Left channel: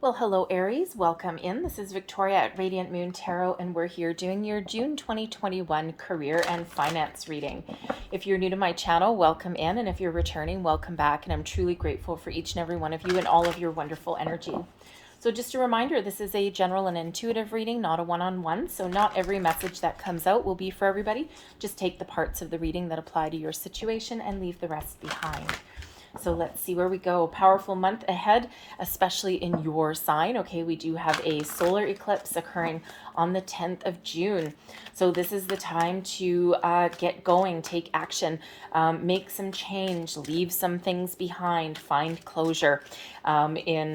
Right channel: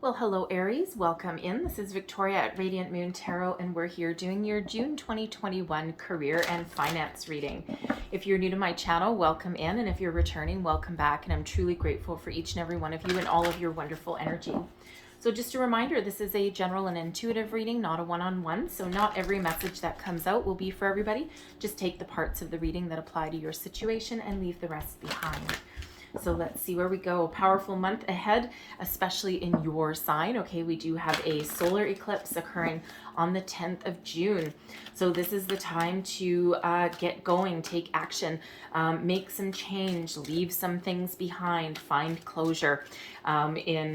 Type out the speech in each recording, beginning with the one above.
Well, hello Aries, welcome in. This is Victoria at Radiant Moon Tarot, and we're here doing your June 2021 career and finance reading. If you're new to my channel, welcome in, and if you're returning, welcome back, and I'm truly grateful for each and every one of you and all of your wonderful energy. So just a reminder, this is a general and intuitive reading, not a one-on-one, so not every message that comes out will be for everybody. Just take the parts of the reading that apply to your situation and leave the rest behind. So let's see where we go. Powerful month ahead, especially in your sign. Okay, we do have a solar eclipse occurring on the 10th of June. So this is the time to get going, take action, make some change, leave some things behind, find closure in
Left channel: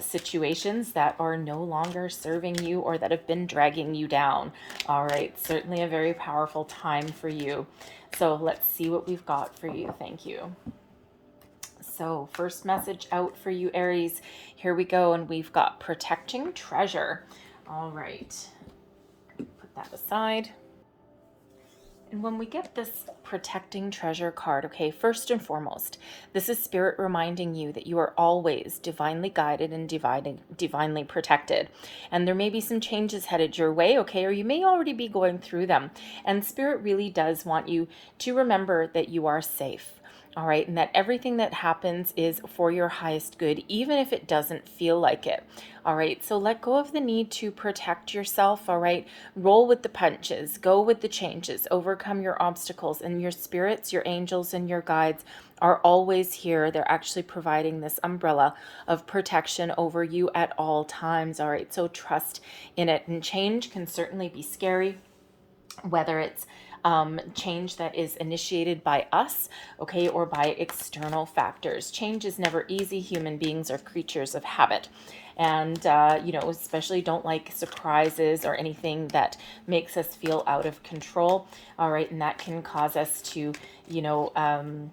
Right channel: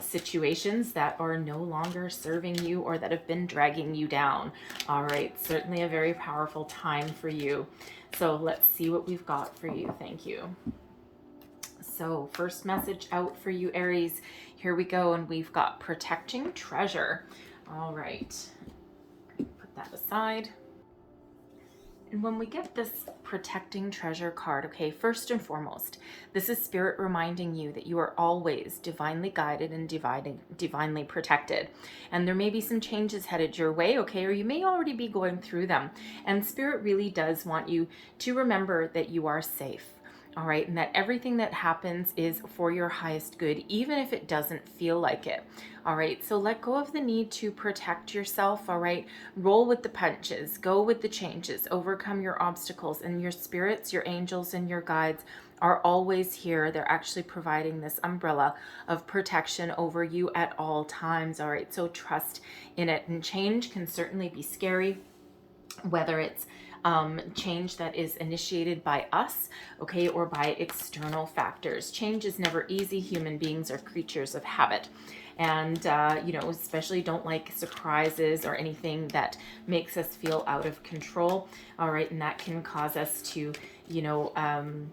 situations that are no longer serving you or that have been dragging you down. All right, certainly a very powerful time for you. So let's see what we've got for you. Thank you. So first message out for you, Aries. Here we go, and we've got protecting treasure. All right, put that aside. And when we get this protecting treasure card, okay, first and foremost, this is spirit reminding you that you are always divinely guided and divinely protected. And there may be some changes headed your way, okay, or you may already be going through them. And spirit really does want you to remember that you are safe. All right, and that everything that happens is for your highest good, even if it doesn't feel like it. All right, so let go of the need to protect yourself. All right, roll with the punches, go with the changes, overcome your obstacles, and your spirits, your angels, and your guides are always here. They're actually providing this umbrella of protection over you at all times. All right, so trust in it. And change can certainly be scary, whether it's change that is initiated by us, okay, or by external factors. Change is never easy. Human beings are creatures of habit. And, especially don't like surprises or anything that makes us feel out of control. All right. And that can cause us to, kind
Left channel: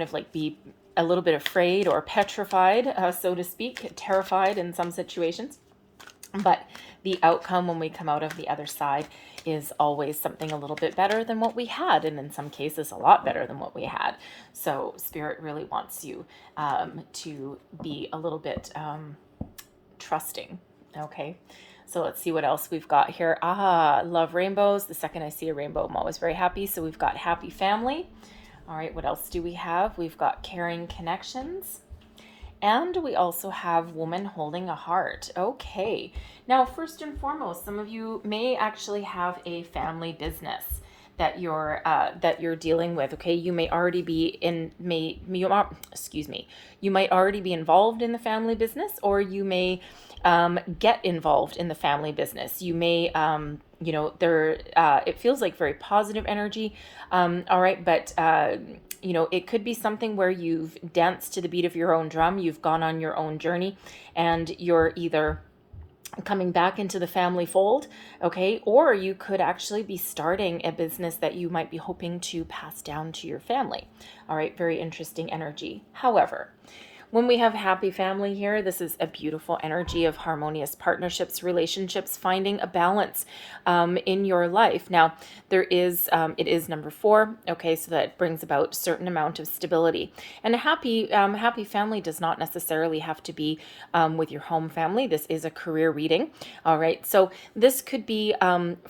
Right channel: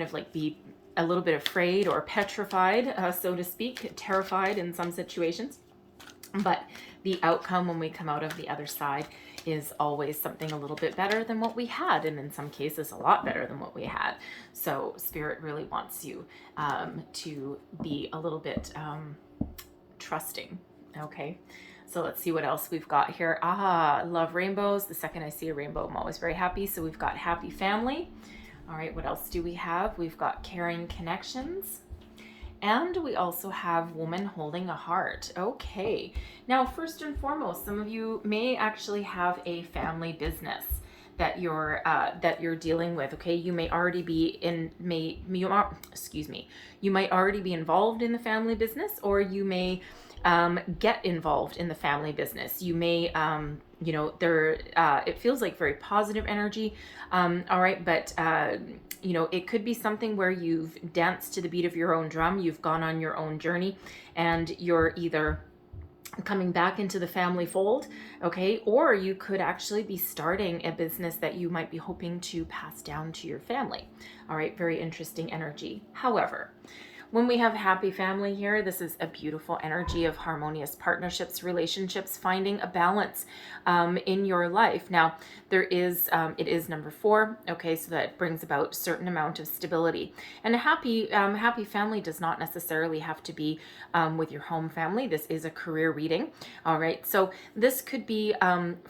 of like be a little bit afraid or petrified, so to speak, terrified in some situations. But the outcome when we come out of the other side is always something a little bit better than what we had, and in some cases a lot better than what we had. So spirit really wants you to be a little bit trusting. Okay, so let's see what else we've got here. Love rainbows. The second I see a rainbow, I'm always very happy. So we've got happy family. All right, what else do we have? We've got caring connections. And we also have woman holding a heart. Okay. Now, first and foremost, some of you may actually have a family business that you're dealing with. Okay, you may already be you might already be involved in the family business, or you may get involved in the family business. You may, it feels like very positive energy. All right, but it could be something where you've danced to the beat of your own drum, you've gone on your own journey, and you're either coming back into the family fold, okay, or you could actually be starting a business that you might be hoping to pass down to your family. All right, very interesting energy. However, when we have happy family here, this is a beautiful energy of harmonious partnerships, relationships, finding a balance in your life. Now, it is number 4. Okay, so that brings about a certain amount of stability. And a happy family does not necessarily have to be with your home family. This is a career reading. All right, so this could be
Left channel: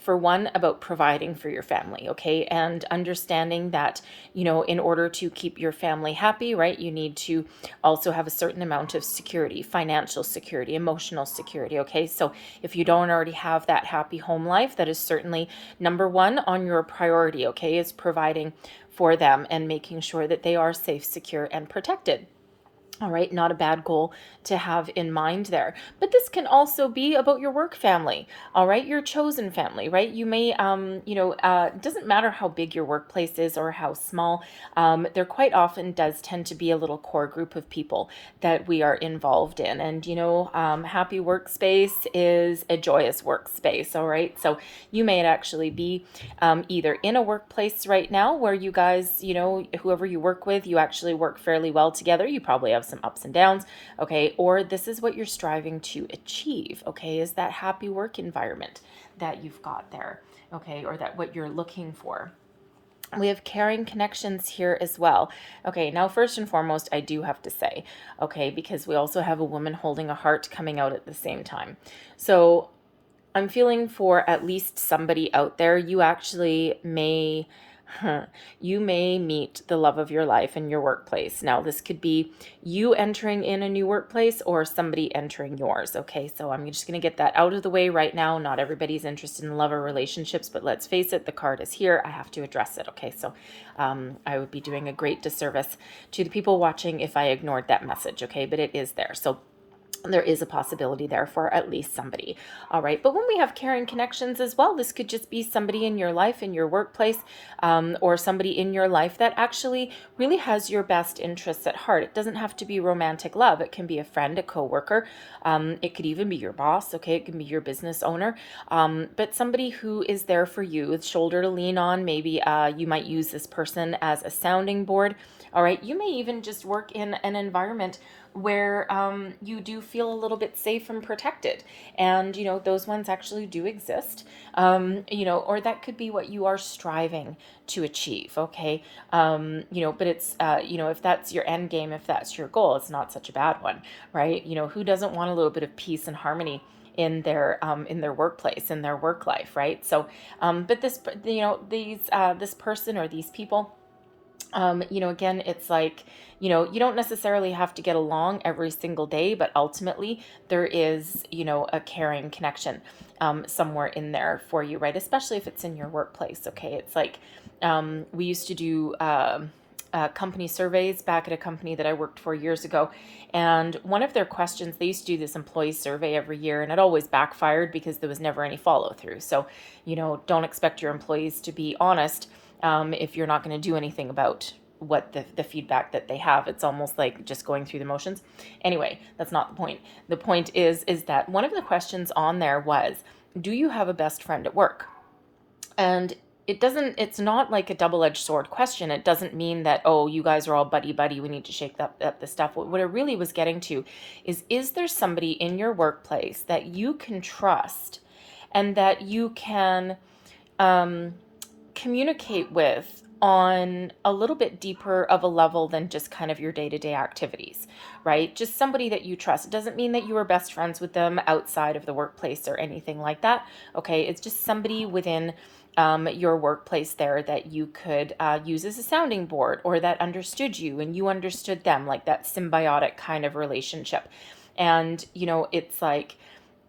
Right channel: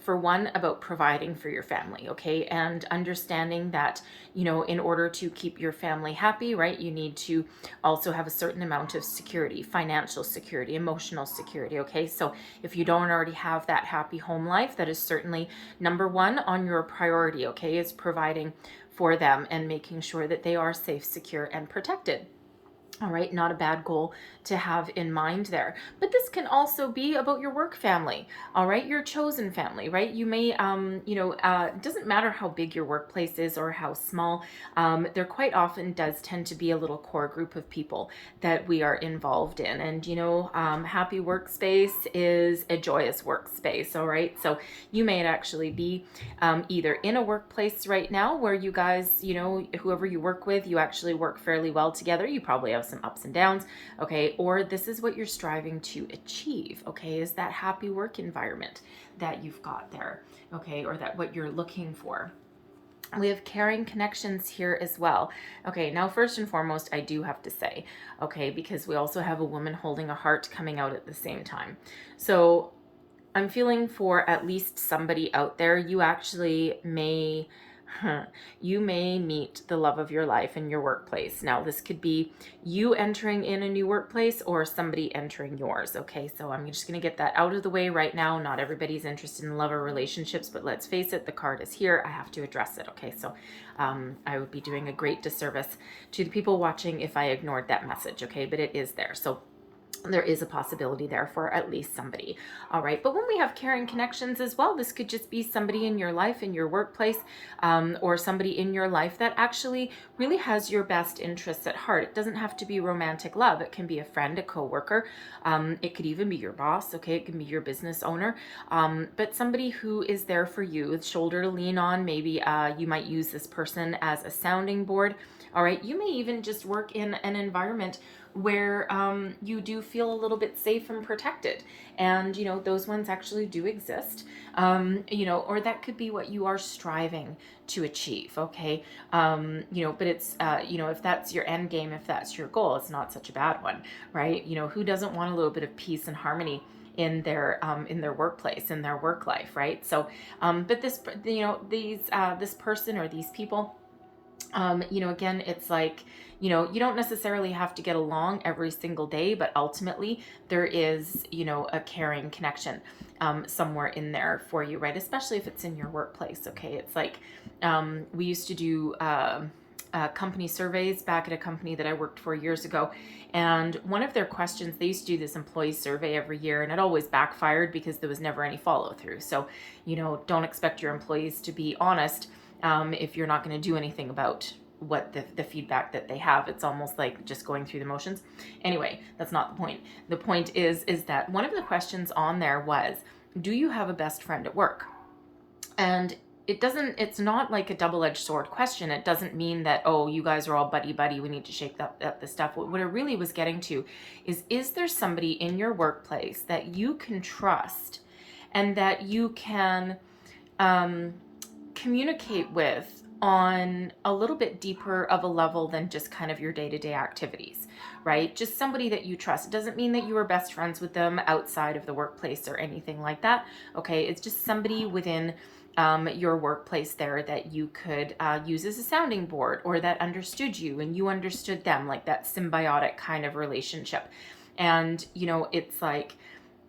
for one, about providing for your family. Okay, and understanding that in order to keep your family happy, right, you need to also have a certain amount of security, financial security, emotional security. Okay, so if you don't already have that happy home life, that is certainly number 1 on your priority. Okay, is providing for them and making sure that they are safe, secure, and protected. All right, not a bad goal to have in mind there. But this can also be about your work family, all right, your chosen family, right? You may, it doesn't matter how big your workplace is or how small, there quite often does tend to be a little core group of people that we are involved in. And, happy workspace is a joyous workspace, all right? So you may actually be either in a workplace right now where you guys, whoever you work with, you actually work fairly well together. You probably have some ups and downs, okay, or this is what you're striving to achieve, okay, is that happy work environment that you've got there, okay, or that what you're looking for. We have caring connections here as well. Okay, now first and foremost, I do have to say, okay, because we also have a woman holding a heart coming out at the same time. So I'm feeling for at least somebody out there, you actually may you may meet the love of your life in your workplace. Now, this could be you entering in a new workplace or somebody entering yours. Okay, so I'm just going to get that out of the way right now. Not everybody's interested in love or relationships, but let's face it, the card is here. I have to address it. Okay, so I would be doing a great disservice to the people watching if I ignored that message. Okay, but it is there. So there is a possibility there for at least somebody. All right. But when we have caring connections as well, this could just be somebody in your life, in your workplace, or somebody in your life that actually really has your best interests at heart. It doesn't have to be romantic love. It can be a friend, a coworker. It could even be your boss. Okay. It can be your business owner. But somebody who is there for you, with shoulder to lean on. Maybe you might use this person as a sounding board. All right. You may even just work in an environment where you do feel a little bit safe and protected. And, those ones actually do exist, or that could be what you are striving to achieve. Okay. But it's, if that's your end game, if that's your goal, it's not such a bad one, right? Who doesn't want a little bit of peace and harmony in their workplace, in their work life, right? So, but this, this person or these people, again, it's like, you don't necessarily have to get along every single day, but ultimately there is, a caring connection somewhere in there for you, right? Especially if it's in your workplace. Okay. It's like, we used to do company surveys back at a company that I worked for years ago. And one of their questions, they used to do this employee survey every year, and it always backfired because there was never any follow through. So, don't expect your employees to be honest if you're not going to do anything about what the feedback that they have. It's almost like just going through the motions. Anyway, that's not the point. The point is that one of the questions on there was, do you have a best friend at work? And it's not like a double-edged sword question. It doesn't mean that, oh, you guys are all buddy we need to shake up the stuff. What it really was getting to is there somebody in your workplace that you can trust and that you can communicate with on a little bit deeper of a level than just kind of your day-to-day activities, right? Just somebody that you trust. It doesn't mean that you are best friends with them outside of the workplace or anything like that. Okay, it's just somebody within your workplace there that you could use as a sounding board, or that understood you and you understood them, like that symbiotic kind of relationship. And it's like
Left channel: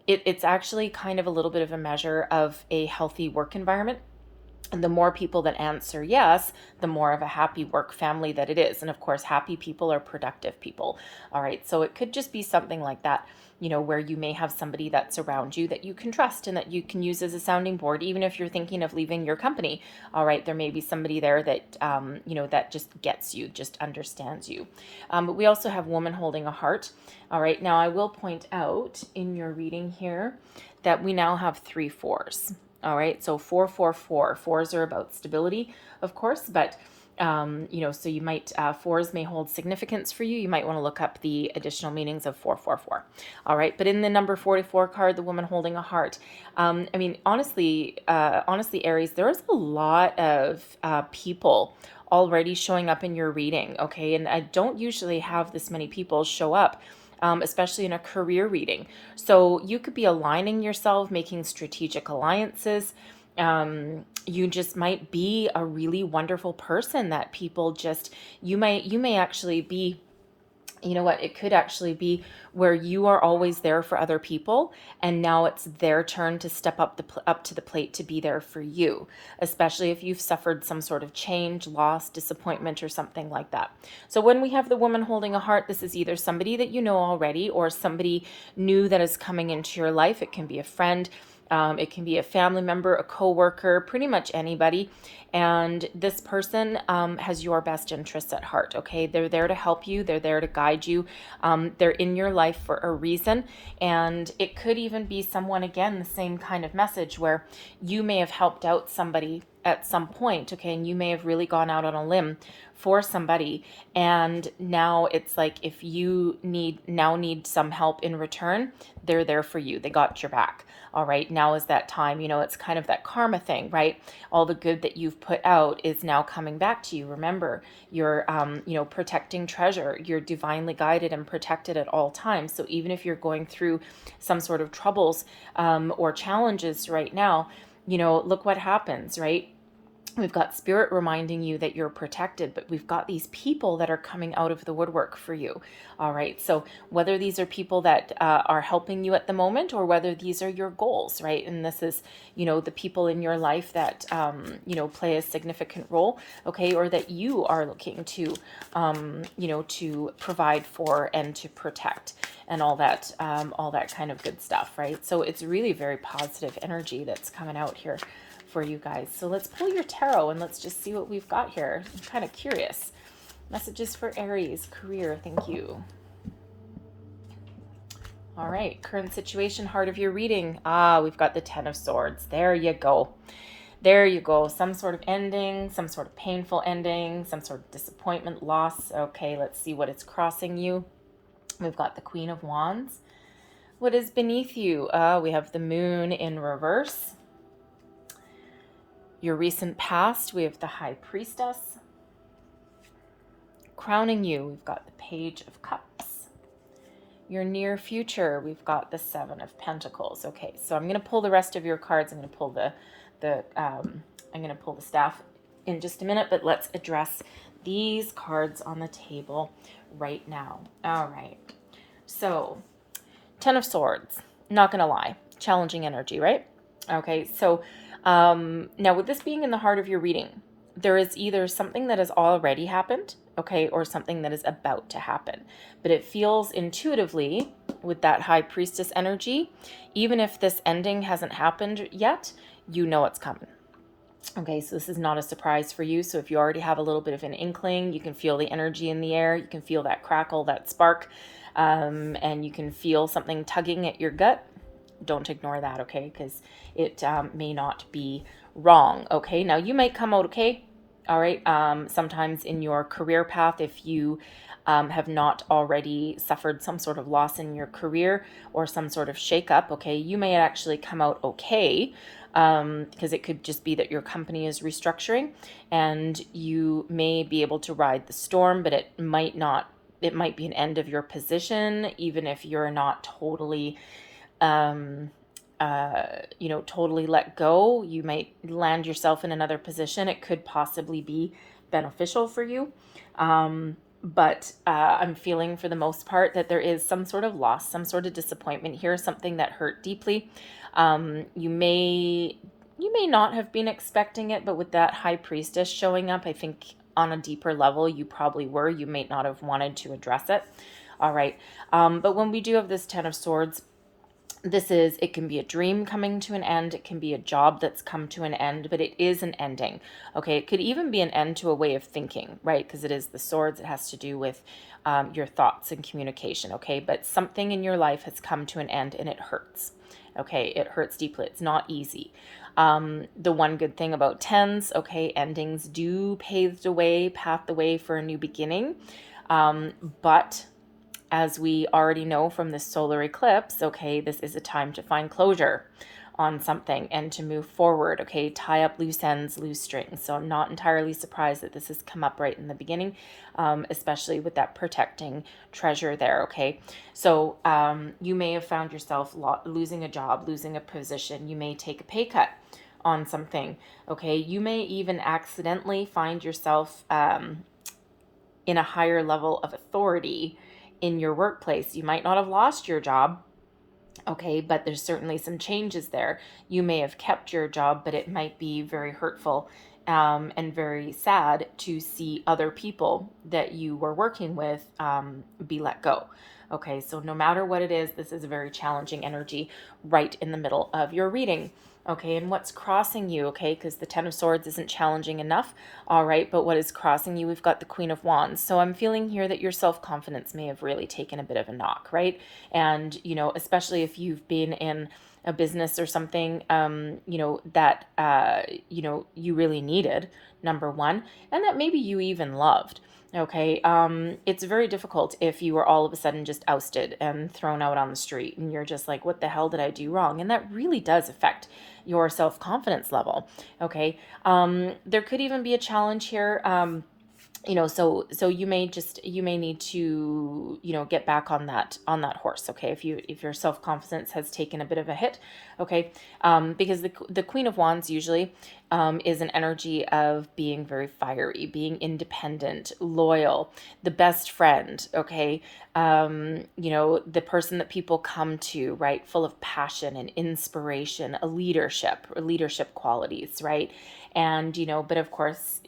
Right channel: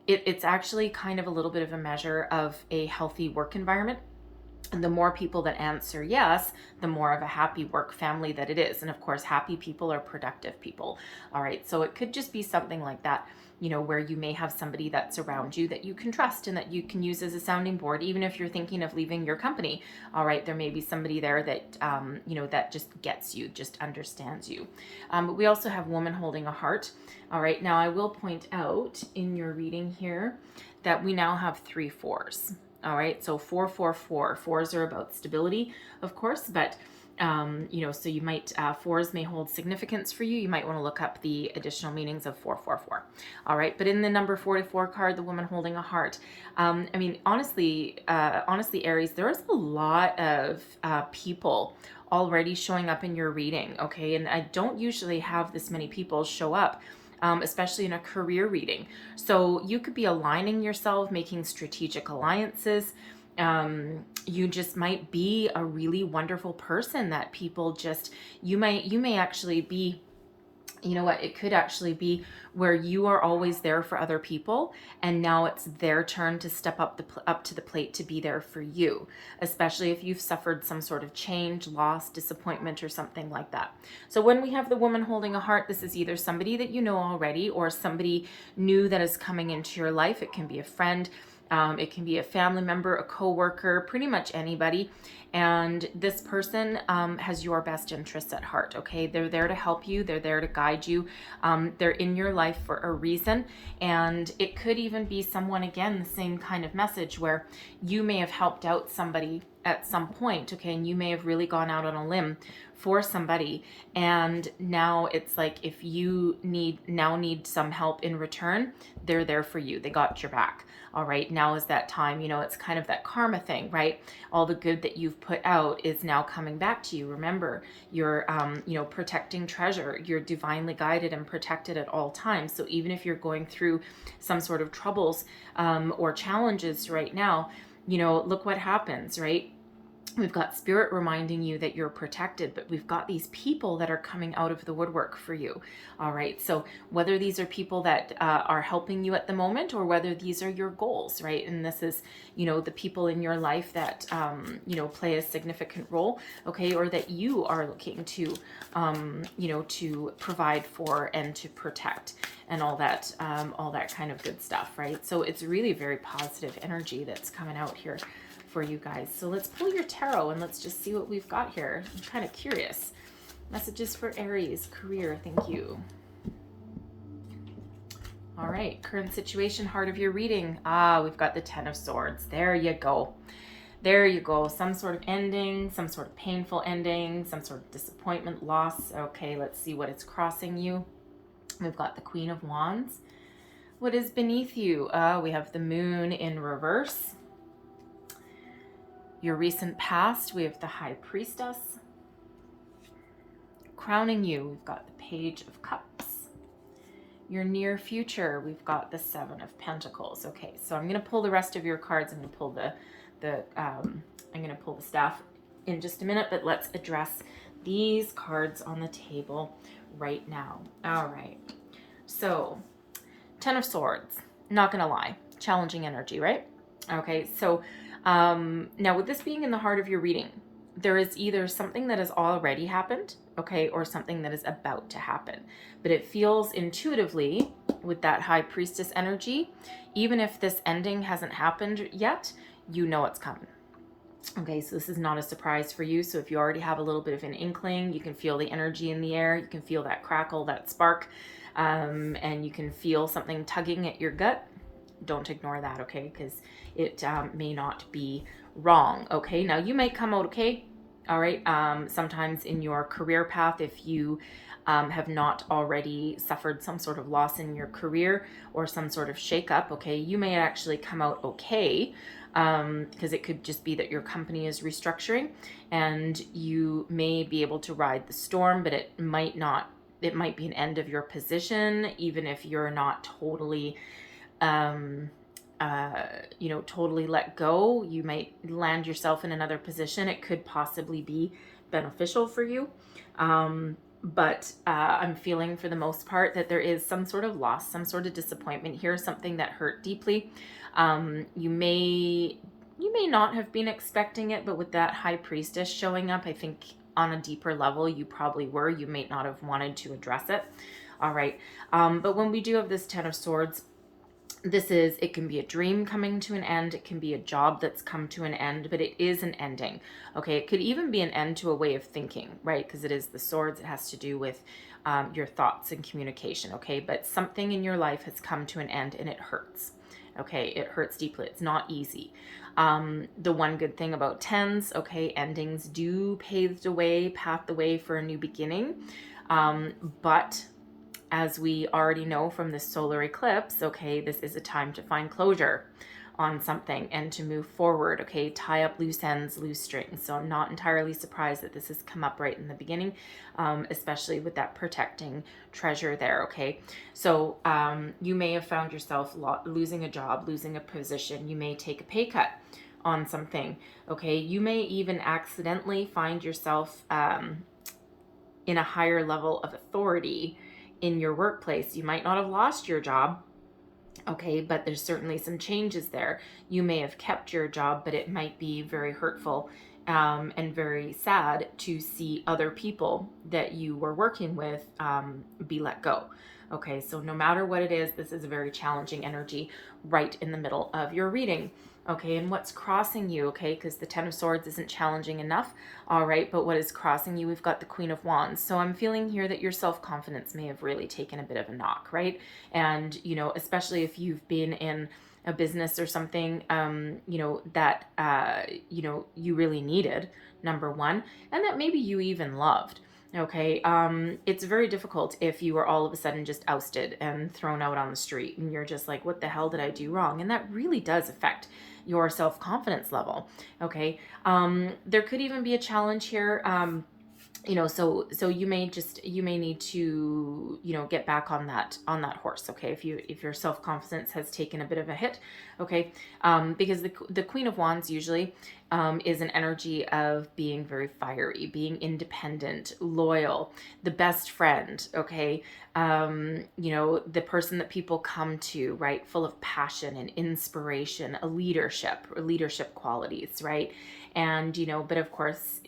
it's actually kind of a little bit of a measure of a healthy work environment. And the more people that answer yes, the more of a happy work family that it is. And of course, happy people are productive people. All right. So it could just be something like that, where you may have somebody that's around you that you can trust and that you can use as a sounding board, even if you're thinking of leaving your company. All right. There may be somebody there that, that just gets you, just understands you. But we also have woman holding a heart. All right. Now I will point out in your reading here that we now have 3 4s. All right, so 444. Fours are about stability, of course, but so you might, fours may hold significance for you. You might want to look up the additional meanings of 444. All right, but in the number 44 card, the woman holding a heart, honestly, Aries, there's a lot of people already showing up in your reading, okay? And I don't usually have this many people show up. Especially in a career reading. So you could be aligning yourself, making strategic alliances. You just might be a really wonderful person that people just, you may actually be, it could actually be where you are always there for other people, and now it's their turn to step up to the plate to be there for you, especially if you've suffered some sort of change, loss, disappointment, or something like that. So when we have the woman holding a heart, this is either somebody that you know already or somebody new that is coming into your life. It can be a friend, it can be a family member, a coworker, pretty much anybody. And this person has your best interests at heart, okay? They're there to help you. They're there to guide you. They're in your life for a reason. And it could even be someone, again, the same kind of message where you may have helped out somebody at some point, okay? And you may have really gone out on a limb for somebody, and now it's like if you need some help in return, they're there for you. They got your back. All right, now is that time. It's kind of that karma thing, right? All the good that you've put out is now coming back to you. Remember, you're protecting treasure. You're divinely guided and protected at all times. So even if you're going through some sort of troubles or challenges right now, look what happens, right? We've got spirit reminding you that you're protected, but we've got these people that are coming out of the woodwork for you. All right. So whether these are people that are helping you at the moment, or whether these are your goals, right? And this is, the people in your life that, play a significant role. Okay. Or that you are looking to, to provide for and to protect and all that kind of good stuff. Right. So it's really very positive energy that's coming out here for you guys. So let's pull your tarot and let's just see what we've got here. I'm kind of curious. Messages for Aries, career, thank you. All right, current situation, heart of your reading. We've got the Ten of Swords. There you go. There you go. Some sort of ending, some sort of painful ending, some sort of disappointment, loss. Okay, let's see what is crossing you. We've got the Queen of Wands. What is beneath you? We have the Moon in reverse. Your recent past, we have the High Priestess. Crowning you, we've got the Page of Cups. Your near future, we've got the Seven of Pentacles. Okay, so I'm going to pull the rest of your cards. I'm going to pull the staff in just a minute, but let's address these cards on the table right now. All right. So, Ten of Swords. Not going to lie, challenging energy, right? Okay, so now with this being in the heart of your reading, there is either something that has already happened, okay, or something that is about to happen. But it feels intuitively with that High Priestess energy, even if this ending hasn't happened yet, you know it's coming. Okay, so this is not a surprise for you. So if you already have a little bit of an inkling, you can feel the energy in the air, you can feel that crackle, that spark, and you can feel something tugging at your gut. Don't ignore that, okay? Because it may not be wrong, okay? Now, you may come out okay, all right? Sometimes in your career path, if you have not already suffered some sort of loss in your career or some sort of shakeup, okay, you may actually come out okay, because it could just be that your company is restructuring and you may be able to ride the storm, but it might not. It might be an end of your position, even if you're not totally totally let go. You might land yourself in another position. It could possibly be beneficial for you. But I'm feeling for the most part that there is some sort of loss, some sort of disappointment here, something that hurt deeply. You may not have been expecting it, but with that High Priestess showing up, I think on a deeper level, you probably were. You may not have wanted to address it. All right. But when we do have this Ten of Swords, it can be a dream coming to an end. It can be a job that's come to an end, but it is an ending. Okay. It could even be an end to a way of thinking, right? Because it is the swords. It has to do with your thoughts and communication. Okay. But something in your life has come to an end and it hurts. Okay. It hurts deeply. It's not easy. The one good thing about tens, okay, endings do pave the way for a new beginning. But as we already know from the solar eclipse, okay, this is a time to find closure on something and to move forward, okay, tie up loose ends, loose strings. So I'm not entirely surprised that this has come up right in the beginning, especially with that protecting treasure there, okay? So you may have found yourself losing a job, losing a position. You may take a pay cut on something, okay? You may even accidentally find yourself in a higher level of authority in your workplace. You might not have lost your job, okay, but there's certainly some changes there. You may have kept your job, but it might be very hurtful and very sad to see other people that you were working with be let go. Okay, so no matter what it is, this is a very challenging energy right in the middle of your reading. Okay, and what's crossing you, okay, because the Ten of Swords isn't challenging enough, all right, but what is crossing you, we've got the Queen of Wands. So I'm feeling here that your self-confidence may have really taken a bit of a knock, right? And, especially if you've been in a business or something, that, you really needed number one, and that maybe you even loved. Okay, it's very difficult if you are all of a sudden just ousted and thrown out on the street and you're just like, what the hell did I do wrong? And that really does affect your self-confidence level. Okay, there could even be a challenge here. So you may need to, get back on that horse. Okay, if your self-confidence has taken a bit of a hit. Okay, because the Queen of Wands usually is an energy of being very fiery, being independent, loyal, the best friend. Okay, the person that people come to, right, full of passion and inspiration, a leadership qualities, right? And, but of course,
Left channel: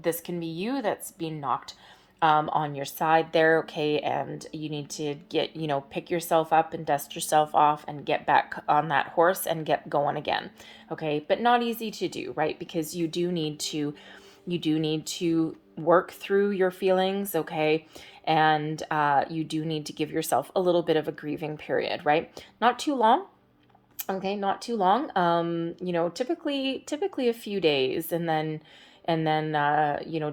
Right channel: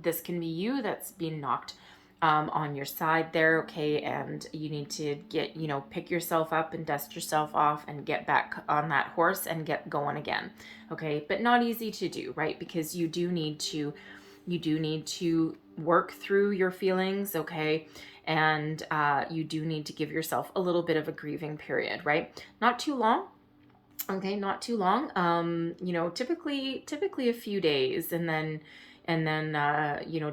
this can be you that's being knocked on your side there. Okay, and you need to get, pick yourself up and dust yourself off and get back on that horse and get going again. Okay, but not easy to do, right? Because you do need to work through your feelings. Okay, and you do need to give yourself a little bit of a grieving period, right? Not too long. Okay, not too long. Typically a few days, and then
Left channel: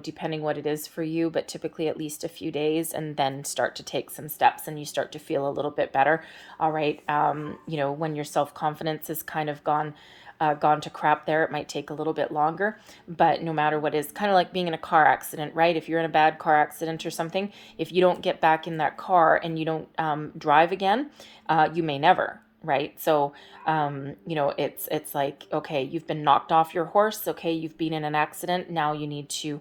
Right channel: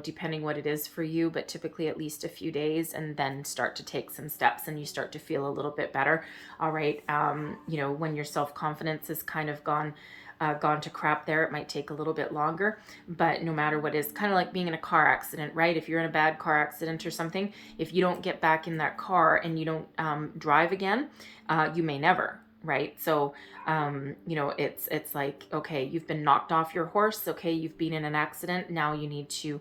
depending what it is for you, but typically at least a few days, and then start to take some steps and you start to feel a little bit better. All right. When your self-confidence is kind of gone to crap there, it might take a little bit longer, but no matter what, is kind of like being in a car accident, right? If you're in a bad car accident or something, if you don't get back in that car and you don't drive again, you may never, right? So it's like, okay, you've been knocked off your horse. Okay, you've been in an accident. Now you need to,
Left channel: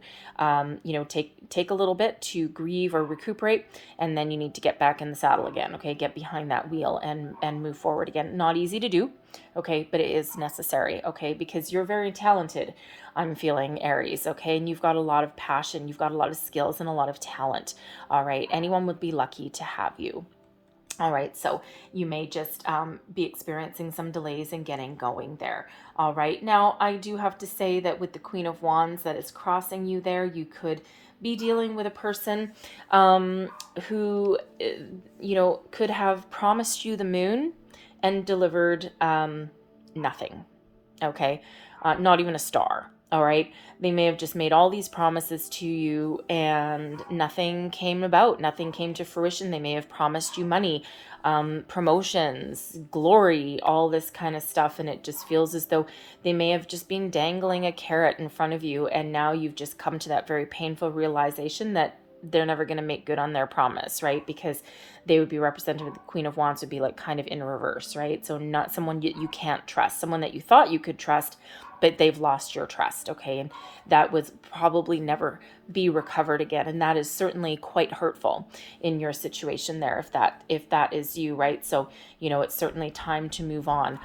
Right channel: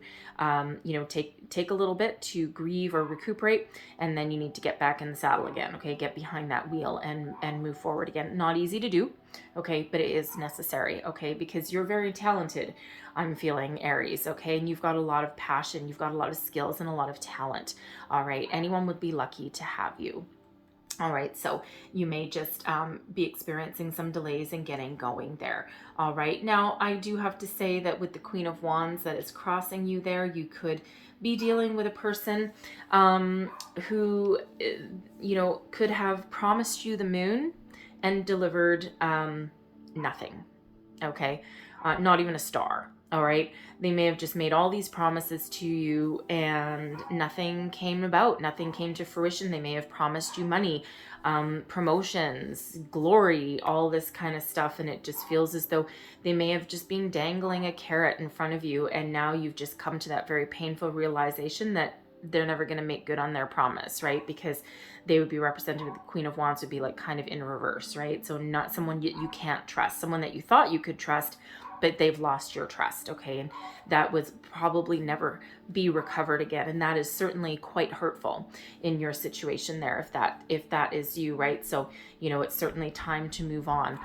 take a little bit to grieve or recuperate, and then you need to get back in the saddle again. Okay, get behind that wheel and move forward again. Not easy to do. Okay, but it is necessary. Okay, because you're very talented. I'm feeling, Aries. Okay, and you've got a lot of passion. You've got a lot of skills and a lot of talent. All right, anyone would be lucky to have you. All right, so you may just be experiencing some delays in getting going there. All right, now I do have to say that with the Queen of Wands that is crossing you there, you could be dealing with a person who, could have promised you the moon and delivered nothing. Okay, not even a star. All right, they may have just made all these promises to you and nothing came about, nothing came to fruition. They may have promised you money, promotions, glory, all this kind of stuff, and it just feels as though they may have just been dangling a carrot in front of you, and now you've just come to that very painful realization that they're never going to make good on their promise, right? Because they would be represented with the Queen of Wands would be like kind of in reverse, right? So not someone you can't trust, someone that you thought you could trust, but they've lost your trust. Okay, and that was probably never be recovered again, and that is certainly quite hurtful in your situation there, if that is you, right? So it's certainly time to move on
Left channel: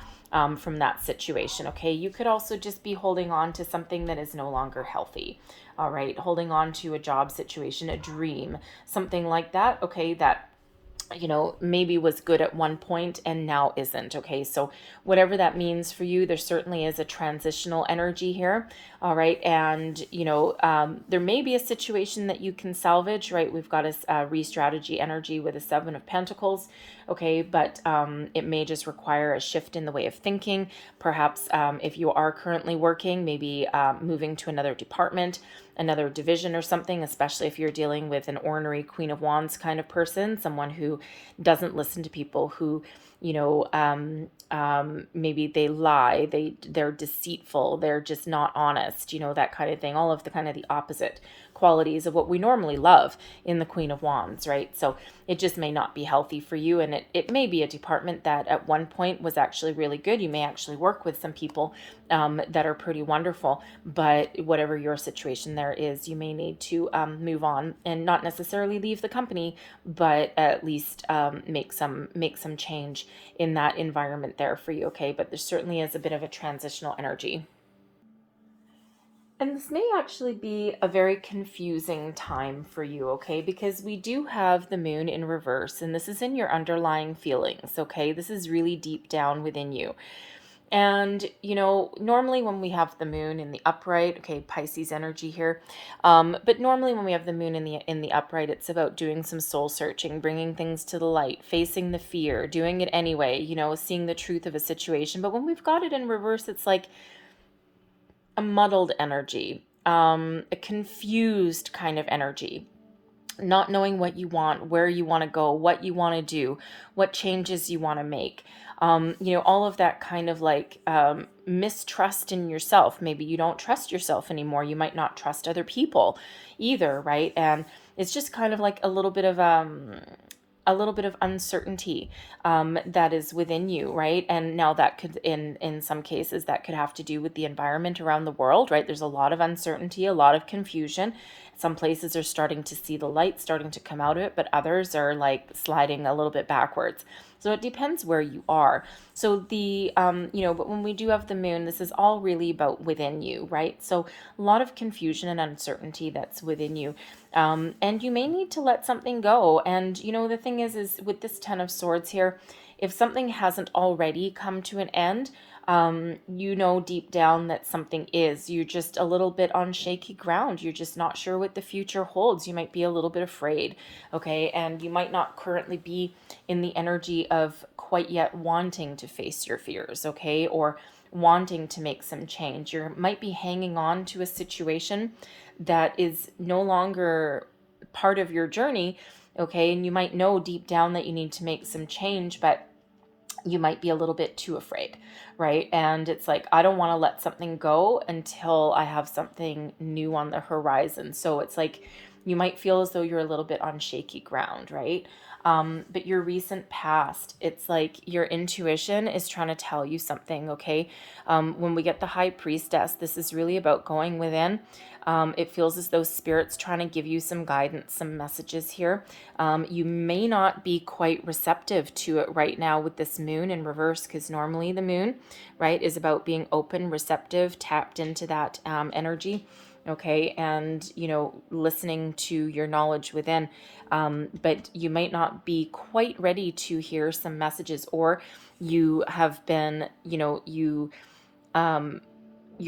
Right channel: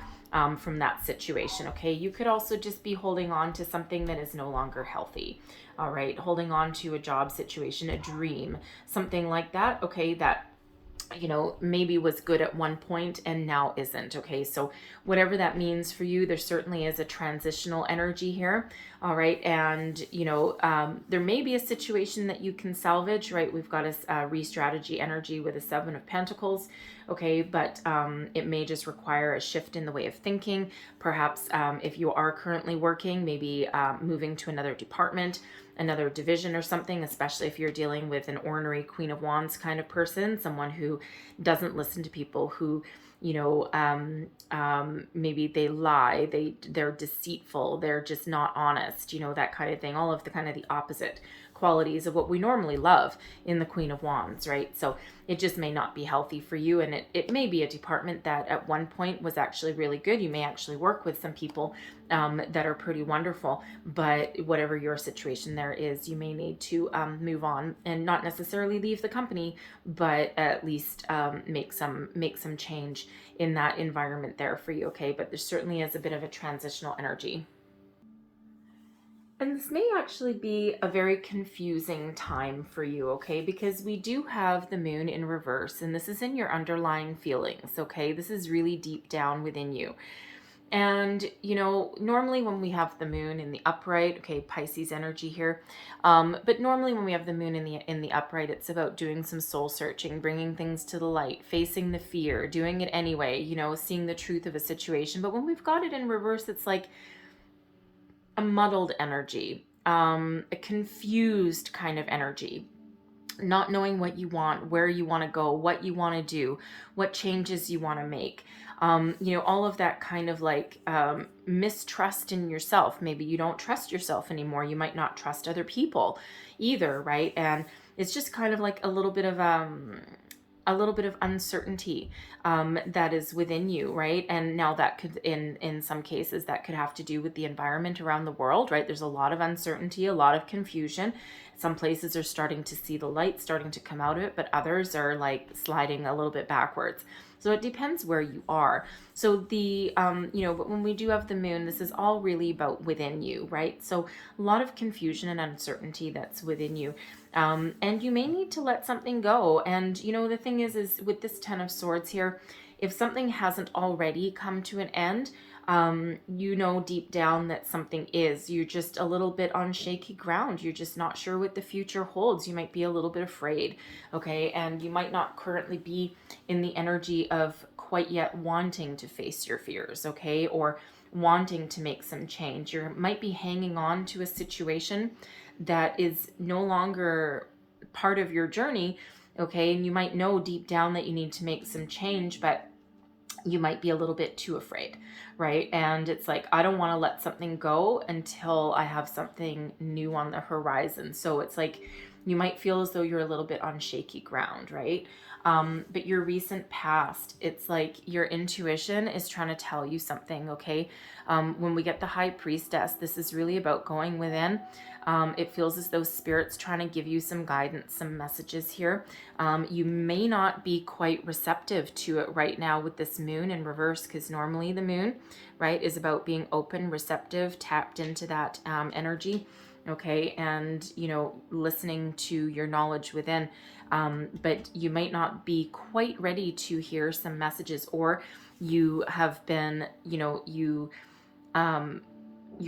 from that situation. Okay, you could also just be holding on to something that is no longer healthy. All right, holding on to a job situation, a dream, something like that. Okay, that maybe was good at one point and now isn't. Okay, so whatever that means for you, there certainly is a transitional energy here. All right, and there may be a situation that you can salvage, right? We've got a re-strategy energy with a Seven of Pentacles. Okay, but it may just require a shift in the way of thinking. Perhaps if you are currently working, maybe moving to another department, another division or something, especially if you're dealing with an ornery Queen of Wands kind of person, someone who doesn't listen to people, who maybe they lie, they're deceitful, they're just not honest, that kind of thing, all of the kind of the opposite qualities of what we normally love in the Queen of Wands, right? So it just may not be healthy for you, and it may be a department that at one point was actually really good. You may actually work with some people that are pretty wonderful, but whatever your situation there is, you may need to move on and not necessarily leave the company, but at least make some change in that environment there for you. Okay, but there certainly is a bit of a transitional energy. And this may actually be a very confusing time for you, okay? Because we do have the moon in reverse, and this is in your underlying feelings, okay? This is really deep down within you. And, normally when we have the moon in the upright, okay, Pisces energy here, but normally when we have the moon in the upright, it's about doing some soul searching, bringing things to the light, facing the fear, doing it anyway, seeing the truth of a situation. But when we've got it in reverse, it's like a muddled energy. a confused kind of energy, not knowing what you want, where you want to go, what you want to do, what changes you want to make. All of that kind of like mistrust in yourself. Maybe you don't trust yourself anymore. You might not trust other people either, right? And it's just kind of like a little bit of uncertainty that is within you, right? And now that could, in some cases, that could have to do with the environment around the world, right? There's a lot of uncertainty, a lot of confusion. Some places are starting to see the light, starting to come out of it, but others are like sliding a little bit backwards. So it depends where you are. So but when we do have the moon, this is all really about within you, right? So a lot of confusion and uncertainty that's within you. And you may need to let something go. And, the thing is with this Ten of Swords here, if something hasn't already come to an end, deep down that something is. You're just a little bit on shaky ground. You're just not sure what the future holds. You might be a little bit afraid, okay? And you might not currently be in the energy of quite yet wanting to face your fears, okay? Or wanting to make some change. You might be hanging on to a situation that is no longer part of your journey, okay? And you might know deep down that you need to make some change, but you might be a little bit too afraid, right? And it's like, I don't want to let something go until I have something new on the horizon. So it's like you might feel as though you're a little bit on shaky ground, right? But your recent past, it's like your intuition is trying to tell you something, okay? When we get the High Priestess, this is really about going within. It feels as though Spirit's trying to give you some guidance, some messages here. You may not be quite receptive to it right now with this moon in reverse, because normally the moon, right, is about being open, receptive, tapped into that energy, okay, and, listening to your knowledge within. But you might not be quite ready to hear some messages, or you have been, your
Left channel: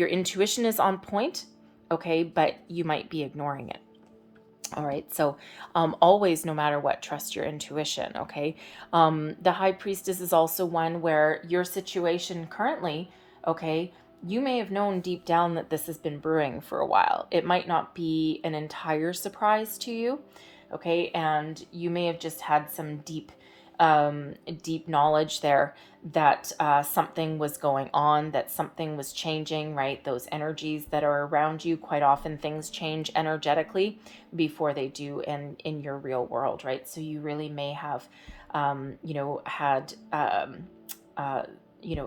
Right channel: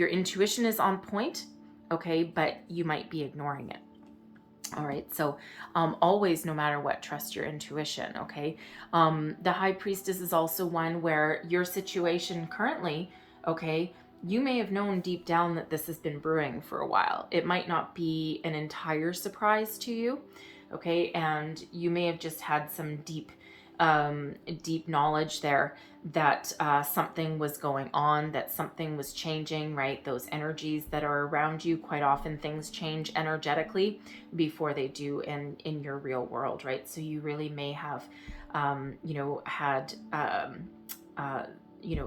intuition is on point, okay, but you might be ignoring it. All right, so always, no matter what, trust your intuition, okay? The High Priestess is also one where your situation currently, okay, you may have known deep down that this has been brewing for a while. It might not be an entire surprise to you, okay? And you may have just had some deep knowledge there that something was going on, that something was changing, right? Those energies that are around you, quite often things change energetically before they do in your real world, right? So you really may have, had,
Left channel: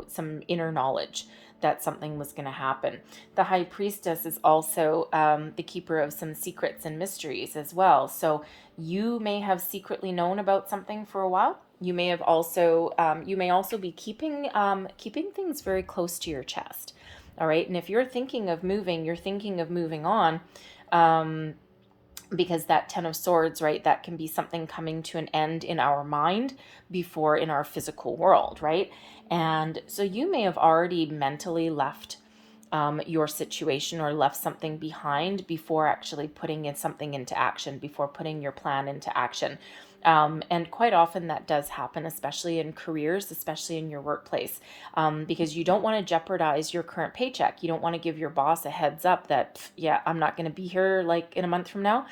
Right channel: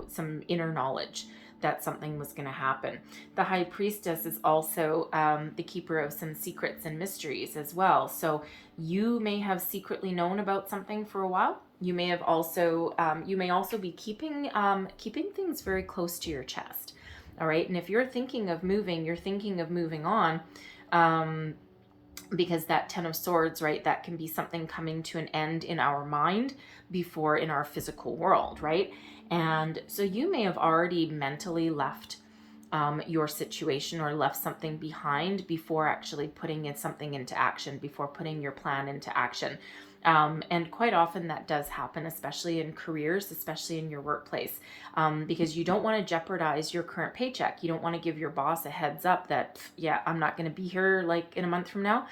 some inner knowledge that something was going to happen. The High Priestess is also the keeper of some secrets and mysteries as well. So you may have secretly known about something for a while. You may have also, you may also be keeping things very close to your chest. All right. And if you're thinking of moving, you're thinking of moving on, because that Ten of Swords, right, that can be something coming to an end in our mind before in our physical world, right? And so you may have already mentally left your situation or left something behind before actually putting something into action, before putting your plan into action. And quite often that does happen, especially in careers, especially in your workplace, because you don't want to jeopardize your current paycheck. You don't want to give your boss a heads up that, yeah, I'm not going to be here like in a month from now,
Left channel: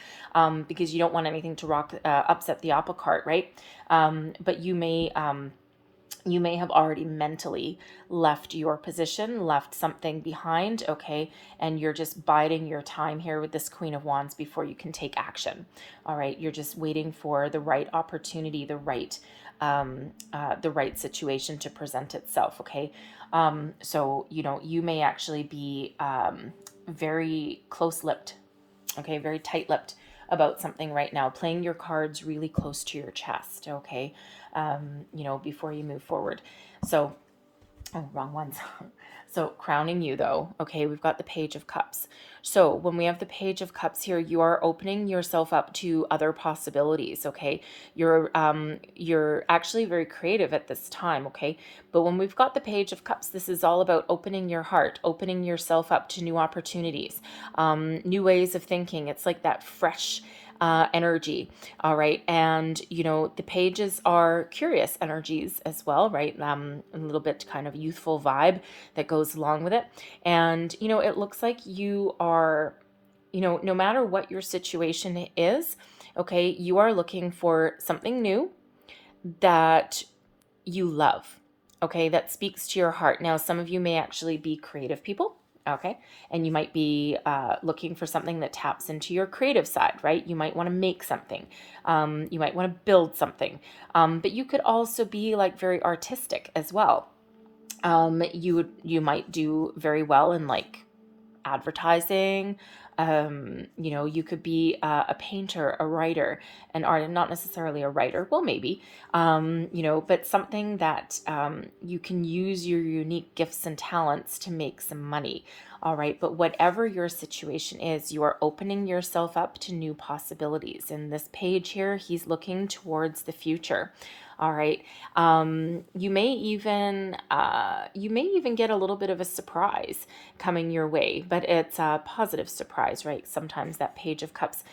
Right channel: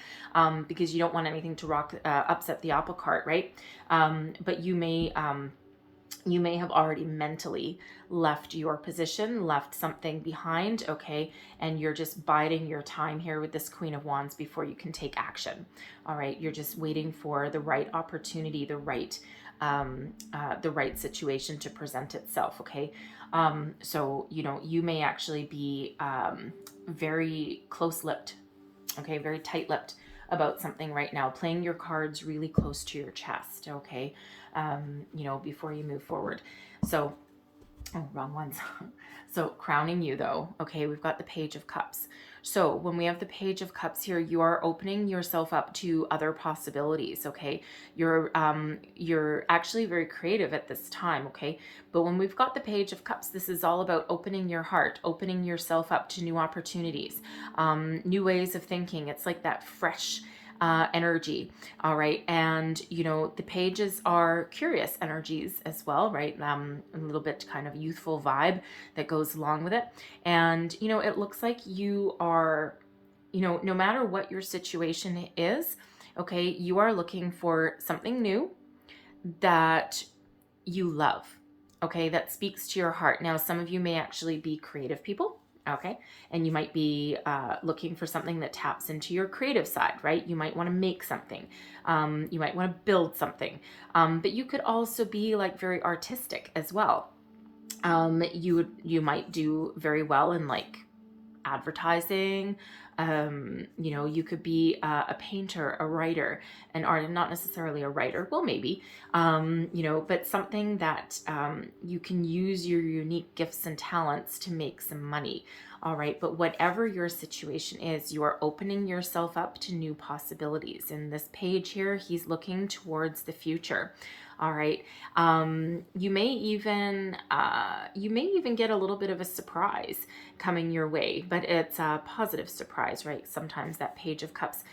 because you don't want anything to upset the apple cart, right? But you may have already mentally left your position, left something behind, okay, and you're just biding your time here with this Queen of Wands before you can take action. All right, you're just waiting for the right opportunity, the right situation to present itself, okay? So you may actually be very close-lipped, okay, very tight-lipped about something right now, playing your cards really close to your chest, okay, before you move forward. So, wrong ones. So crowning you though, okay, we've got the Page of Cups. So when we have the Page of Cups here, you are opening yourself up to other possibilities, okay? You're actually very creative at this time, okay? But when we've got the Page of Cups, this is all about opening your heart, opening yourself up to new opportunities, new ways of thinking. It's like that fresh energy. All right. And, the pages are curious energies as well, right? A little bit kind of youthful vibe that goes along with it. And, it looks like you are no matter what your situation is, okay, you are looking for something new that you love, okay, that speaks to your heart. Now, some of you may actually be creative people, okay, and you might be looking for something that taps into your creative side, right? You might want to make something, you might want to build something, but you could also be like very artistic as well. You might do very well in like advertising. You could be a painter, a writer, an artist, not necessarily a writer, well, maybe, but something that you can use your unique gifts and talents to make some money. All right. But whatever your situation is, you are opening yourself up to new possibilities. In this page here, he's looking towards the future. All right. You may even get a little bit of a surprise coming your way, but it's a positive surprise, right? Sometimes that Page of Cups,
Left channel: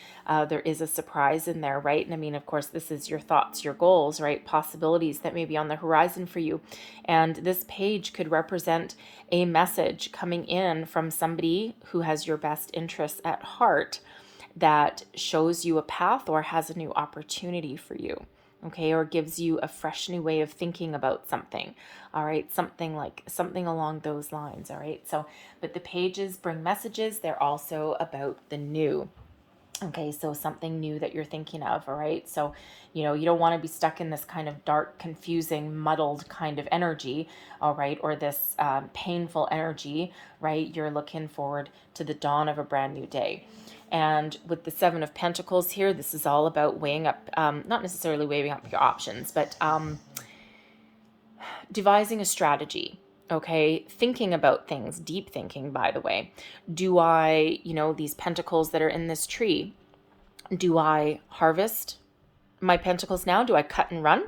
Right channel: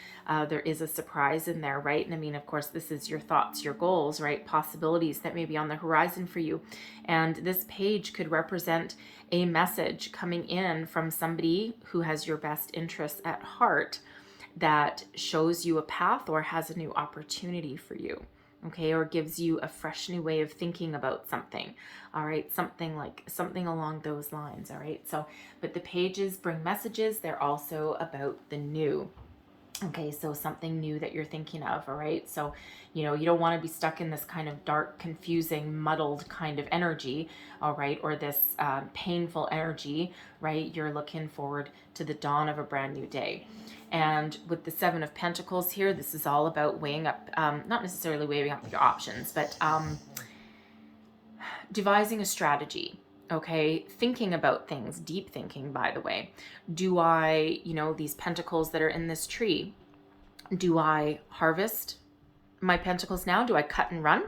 there is a surprise in there, right? And I mean, of course, this is your thoughts, your goals, right? Possibilities that may be on the horizon for you. And this page could represent a message coming in from somebody who has your best interests at heart, that shows you a path or has a new opportunity for you. Okay, or gives you a fresh new way of thinking about something. All right, something along those lines. All right, so, but the pages bring messages. They're also about the new. Okay, so something new that you're thinking of. All right, so you don't want to be stuck in this kind of dark, confusing, muddled kind of energy. All right, or this painful energy, right? You're looking forward to the dawn of a brand new day. And with the Seven of Pentacles here, this is all about weighing up, not necessarily weighing up your options, but devising a strategy. Okay, thinking about things, deep thinking, by the way. Do I, these pentacles that are in this tree, do I harvest my pentacles now? Do I cut and run?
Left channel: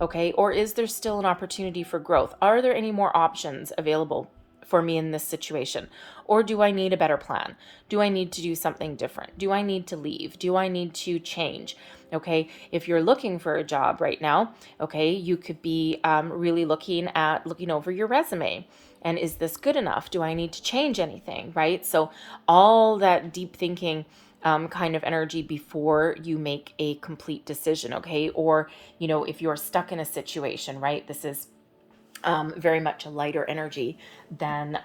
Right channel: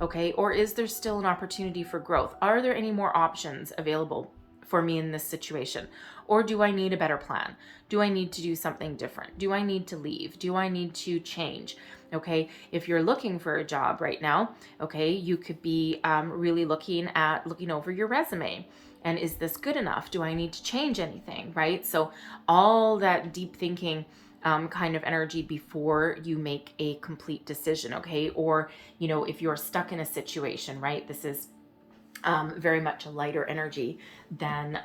Okay, or is there still an opportunity for growth? Are there any more options available for me in this situation? Or do I need a better plan? Do I need to do something different? Do I need to leave? Do I need to change? Okay, if you're looking for a job right now, okay, you could be really looking over your resume. And is this good enough? Do I need to change anything, right? So all that deep thinking kind of energy before you make a complete decision, okay? Or, if you're stuck in a situation, right? This is very much a lighter energy than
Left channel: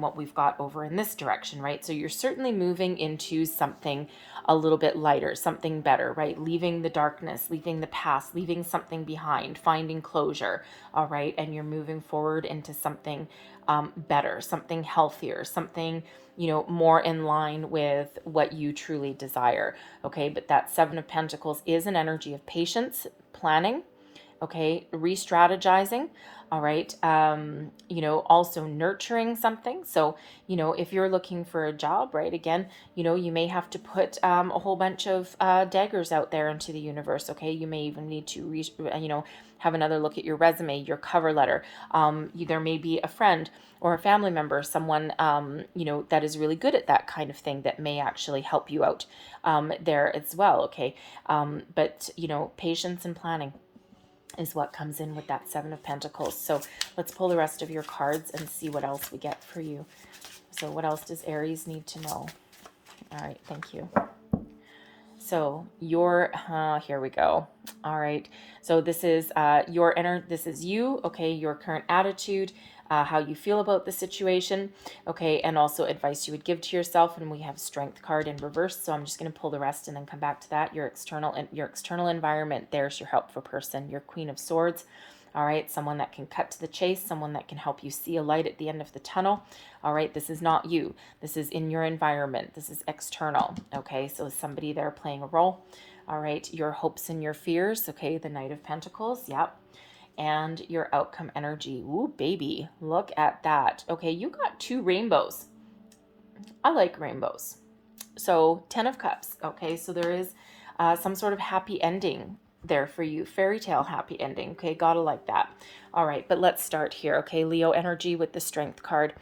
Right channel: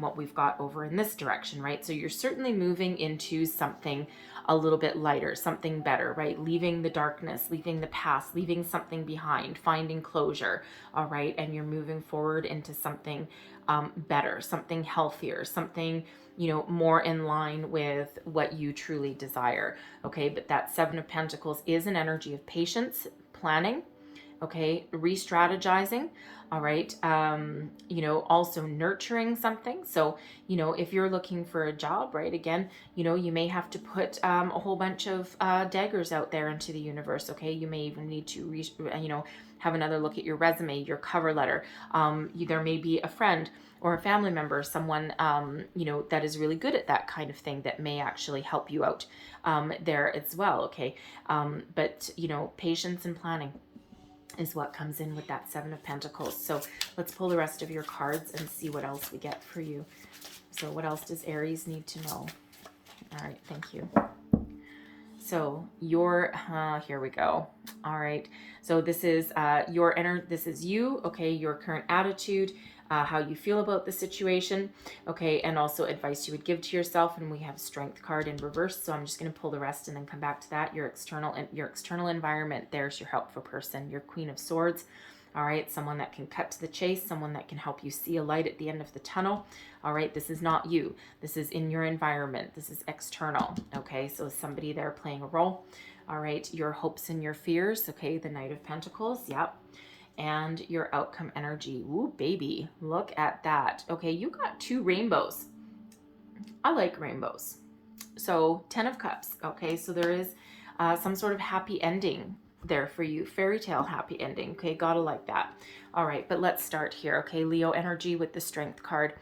what we've got over in this direction, right? So you're certainly moving into something a little bit lighter, something better, right? Leaving the darkness, leaving the past, leaving something behind, finding closure, all right? And you're moving forward into something better, something healthier, something, more in line with what you truly desire, okay? But that Seven of Pentacles is an energy of patience, planning, okay, re-strategizing, all right, also nurturing something. So, if you're looking for a job, right, again, you may have to put a whole bunch of daggers out there into the universe, okay? You may even need to, have another look at your resume, your cover letter. There may be a friend or a family member, someone, that is really good at that kind of thing that may actually help you out there as well, okay? But, patience and planning is what comes in with that Seven of Pentacles. So let's pull the rest of your cards and see what else we get for you. So what else does Aries need to know? All right, thank you. So here we go. All right. So this is this is you, okay, your current attitude, how you feel about the situation, okay, and also advice you would give to yourself. And we have Strength card in reverse, so I'm just going to pull the rest and then come back to that. Your external environment, there's your helpful person, your Queen of Swords. All right, someone that can cut to the chase, someone that can help you see a light at the end of the tunnel. All right, this is not you. This is in your environment. This is external, okay? So somebody there playing a role. All right, your hopes and your fears, okay? The Knight of Pentacles, yep. And your outcome energy. Ooh, baby, look at that. Okay, you got two rainbows. I like rainbows. So 10 of Cups, okay? So there is some sort of happy ending there for you. Fairy tale happy ending, okay? Gotta like that. All right, but let's start here, okay? Leo energy with the Strength card.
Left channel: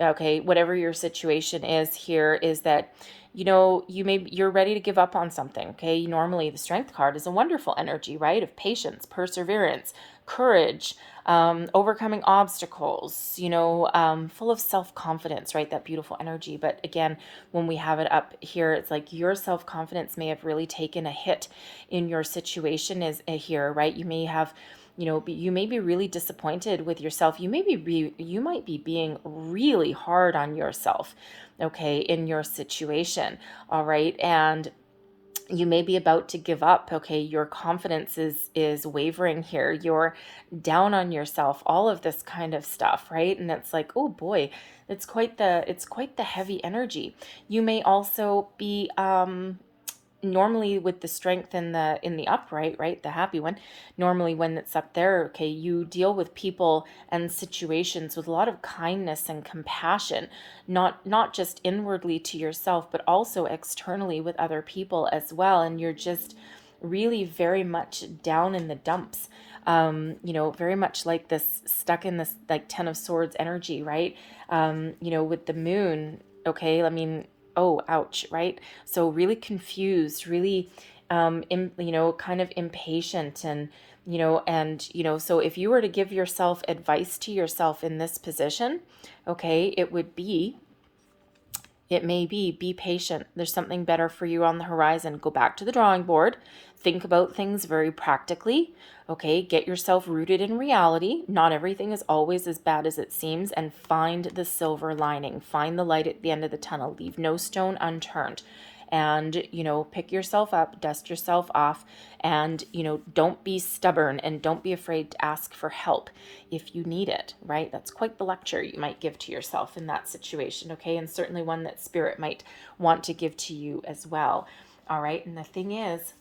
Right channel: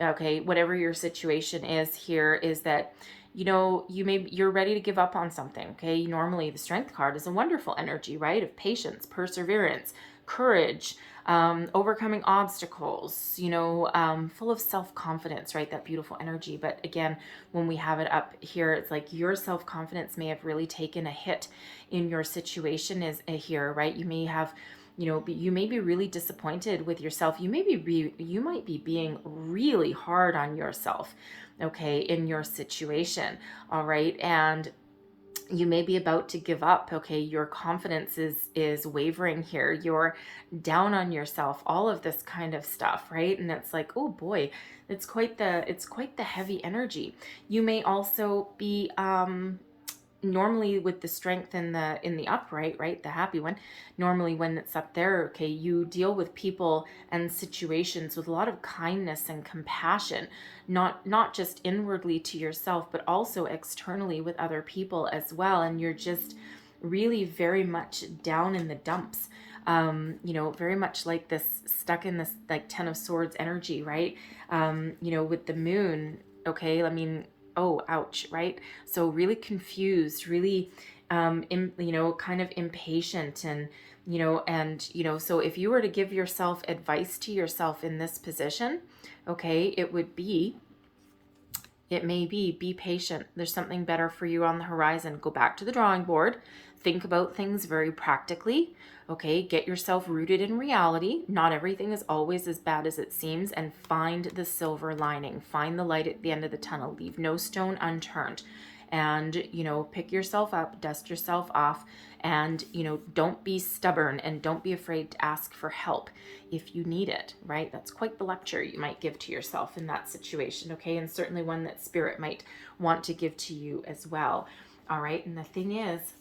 Okay, whatever your situation is here is that, you're ready to give up on something, okay? Normally the Strength card is a wonderful energy, right? Of patience, perseverance, courage, overcoming obstacles, full of self-confidence, right? That beautiful energy. But again, when we have it up here, it's like your self-confidence may have really taken a hit in your situation is here, right? You may have, you may be really disappointed with yourself. You might be being really hard on yourself, okay, in your situation, all right? And you may be about to give up, okay? Your confidence is wavering here. You're down on yourself, all of this kind of stuff, right? And it's like, oh boy, it's quite the heavy energy. You may also be normally with the strength in the upright, right, the happy one, normally when it's up there, okay, you deal with people and situations with a lot of kindness and compassion, not just inwardly to yourself, but also externally with other people as well. And you're just really very much down in the dumps, very much like this, stuck in this like 10 of Swords energy, right? With the moon, okay, I mean, oh, ouch, right? So really confused, really, kind of impatient, and, so if you were to give yourself advice to yourself in this position, okay, it may be patient. There's something better for you on the horizon. Go back to the drawing board. Think about things very practically. Okay, get yourself rooted in reality. Not everything is always as bad as it seems, and find the silver lining. Find the light at the end of the tunnel. Leave no stone unturned. And, pick yourself up, dust yourself off, and, don't be stubborn, and don't be afraid to ask for help if you need it, right? That's quite the lecture you might give to yourself in that situation, okay? And certainly one that Spirit might want to give to you as well, all right? And the thing is,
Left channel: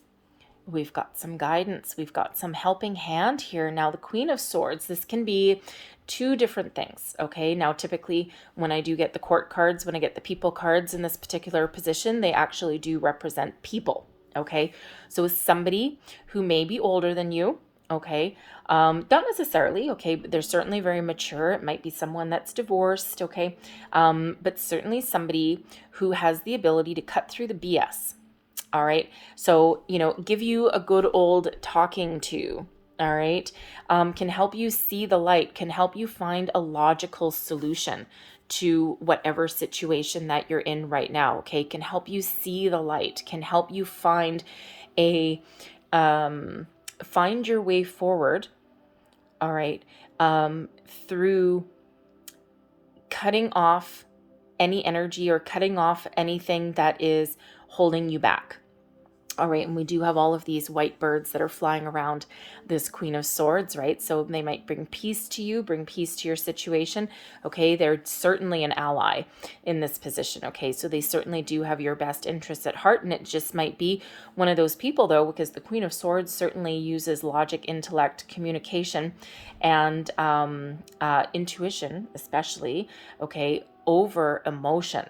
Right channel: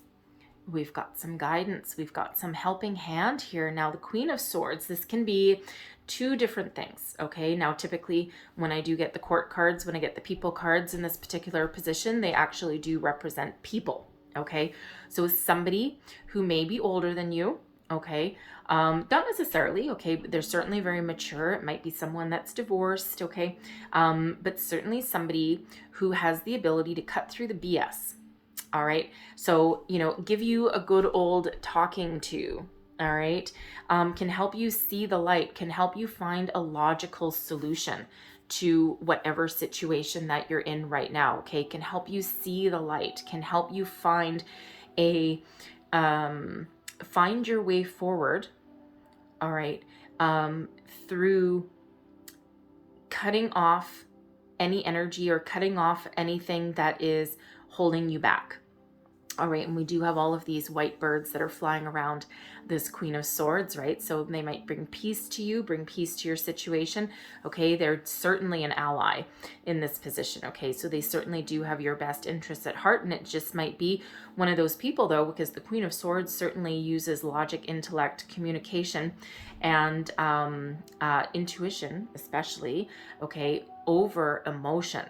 we've got some guidance. We've got some helping hand here. Now, the Queen of Swords, this can be two different things, okay? Now, typically, when I do get the court cards, when I get the people cards in this particular position, they actually do represent people, okay? So somebody who may be older than you, okay? Not necessarily, okay, but they're certainly very mature. It might be someone that's divorced, okay? But certainly somebody who has the ability to cut through the BS. All right. So, give you a good old talking to. All right. Can help you see the light, can help you find a logical solution to whatever situation that you're in right now. Okay. Can help you see the light, can help you find find your way forward. All right. Through cutting off any energy or cutting off anything that is holding you back. All right, and we do have all of these white birds that are flying around this Queen of Swords, right? So they might bring peace to you, bring peace to your situation, okay? They're certainly an ally in this position, okay? So they certainly do have your best interests at heart, and it just might be one of those people, though, because the Queen of Swords certainly uses logic, intellect, communication, and intuition, especially, okay, over emotion.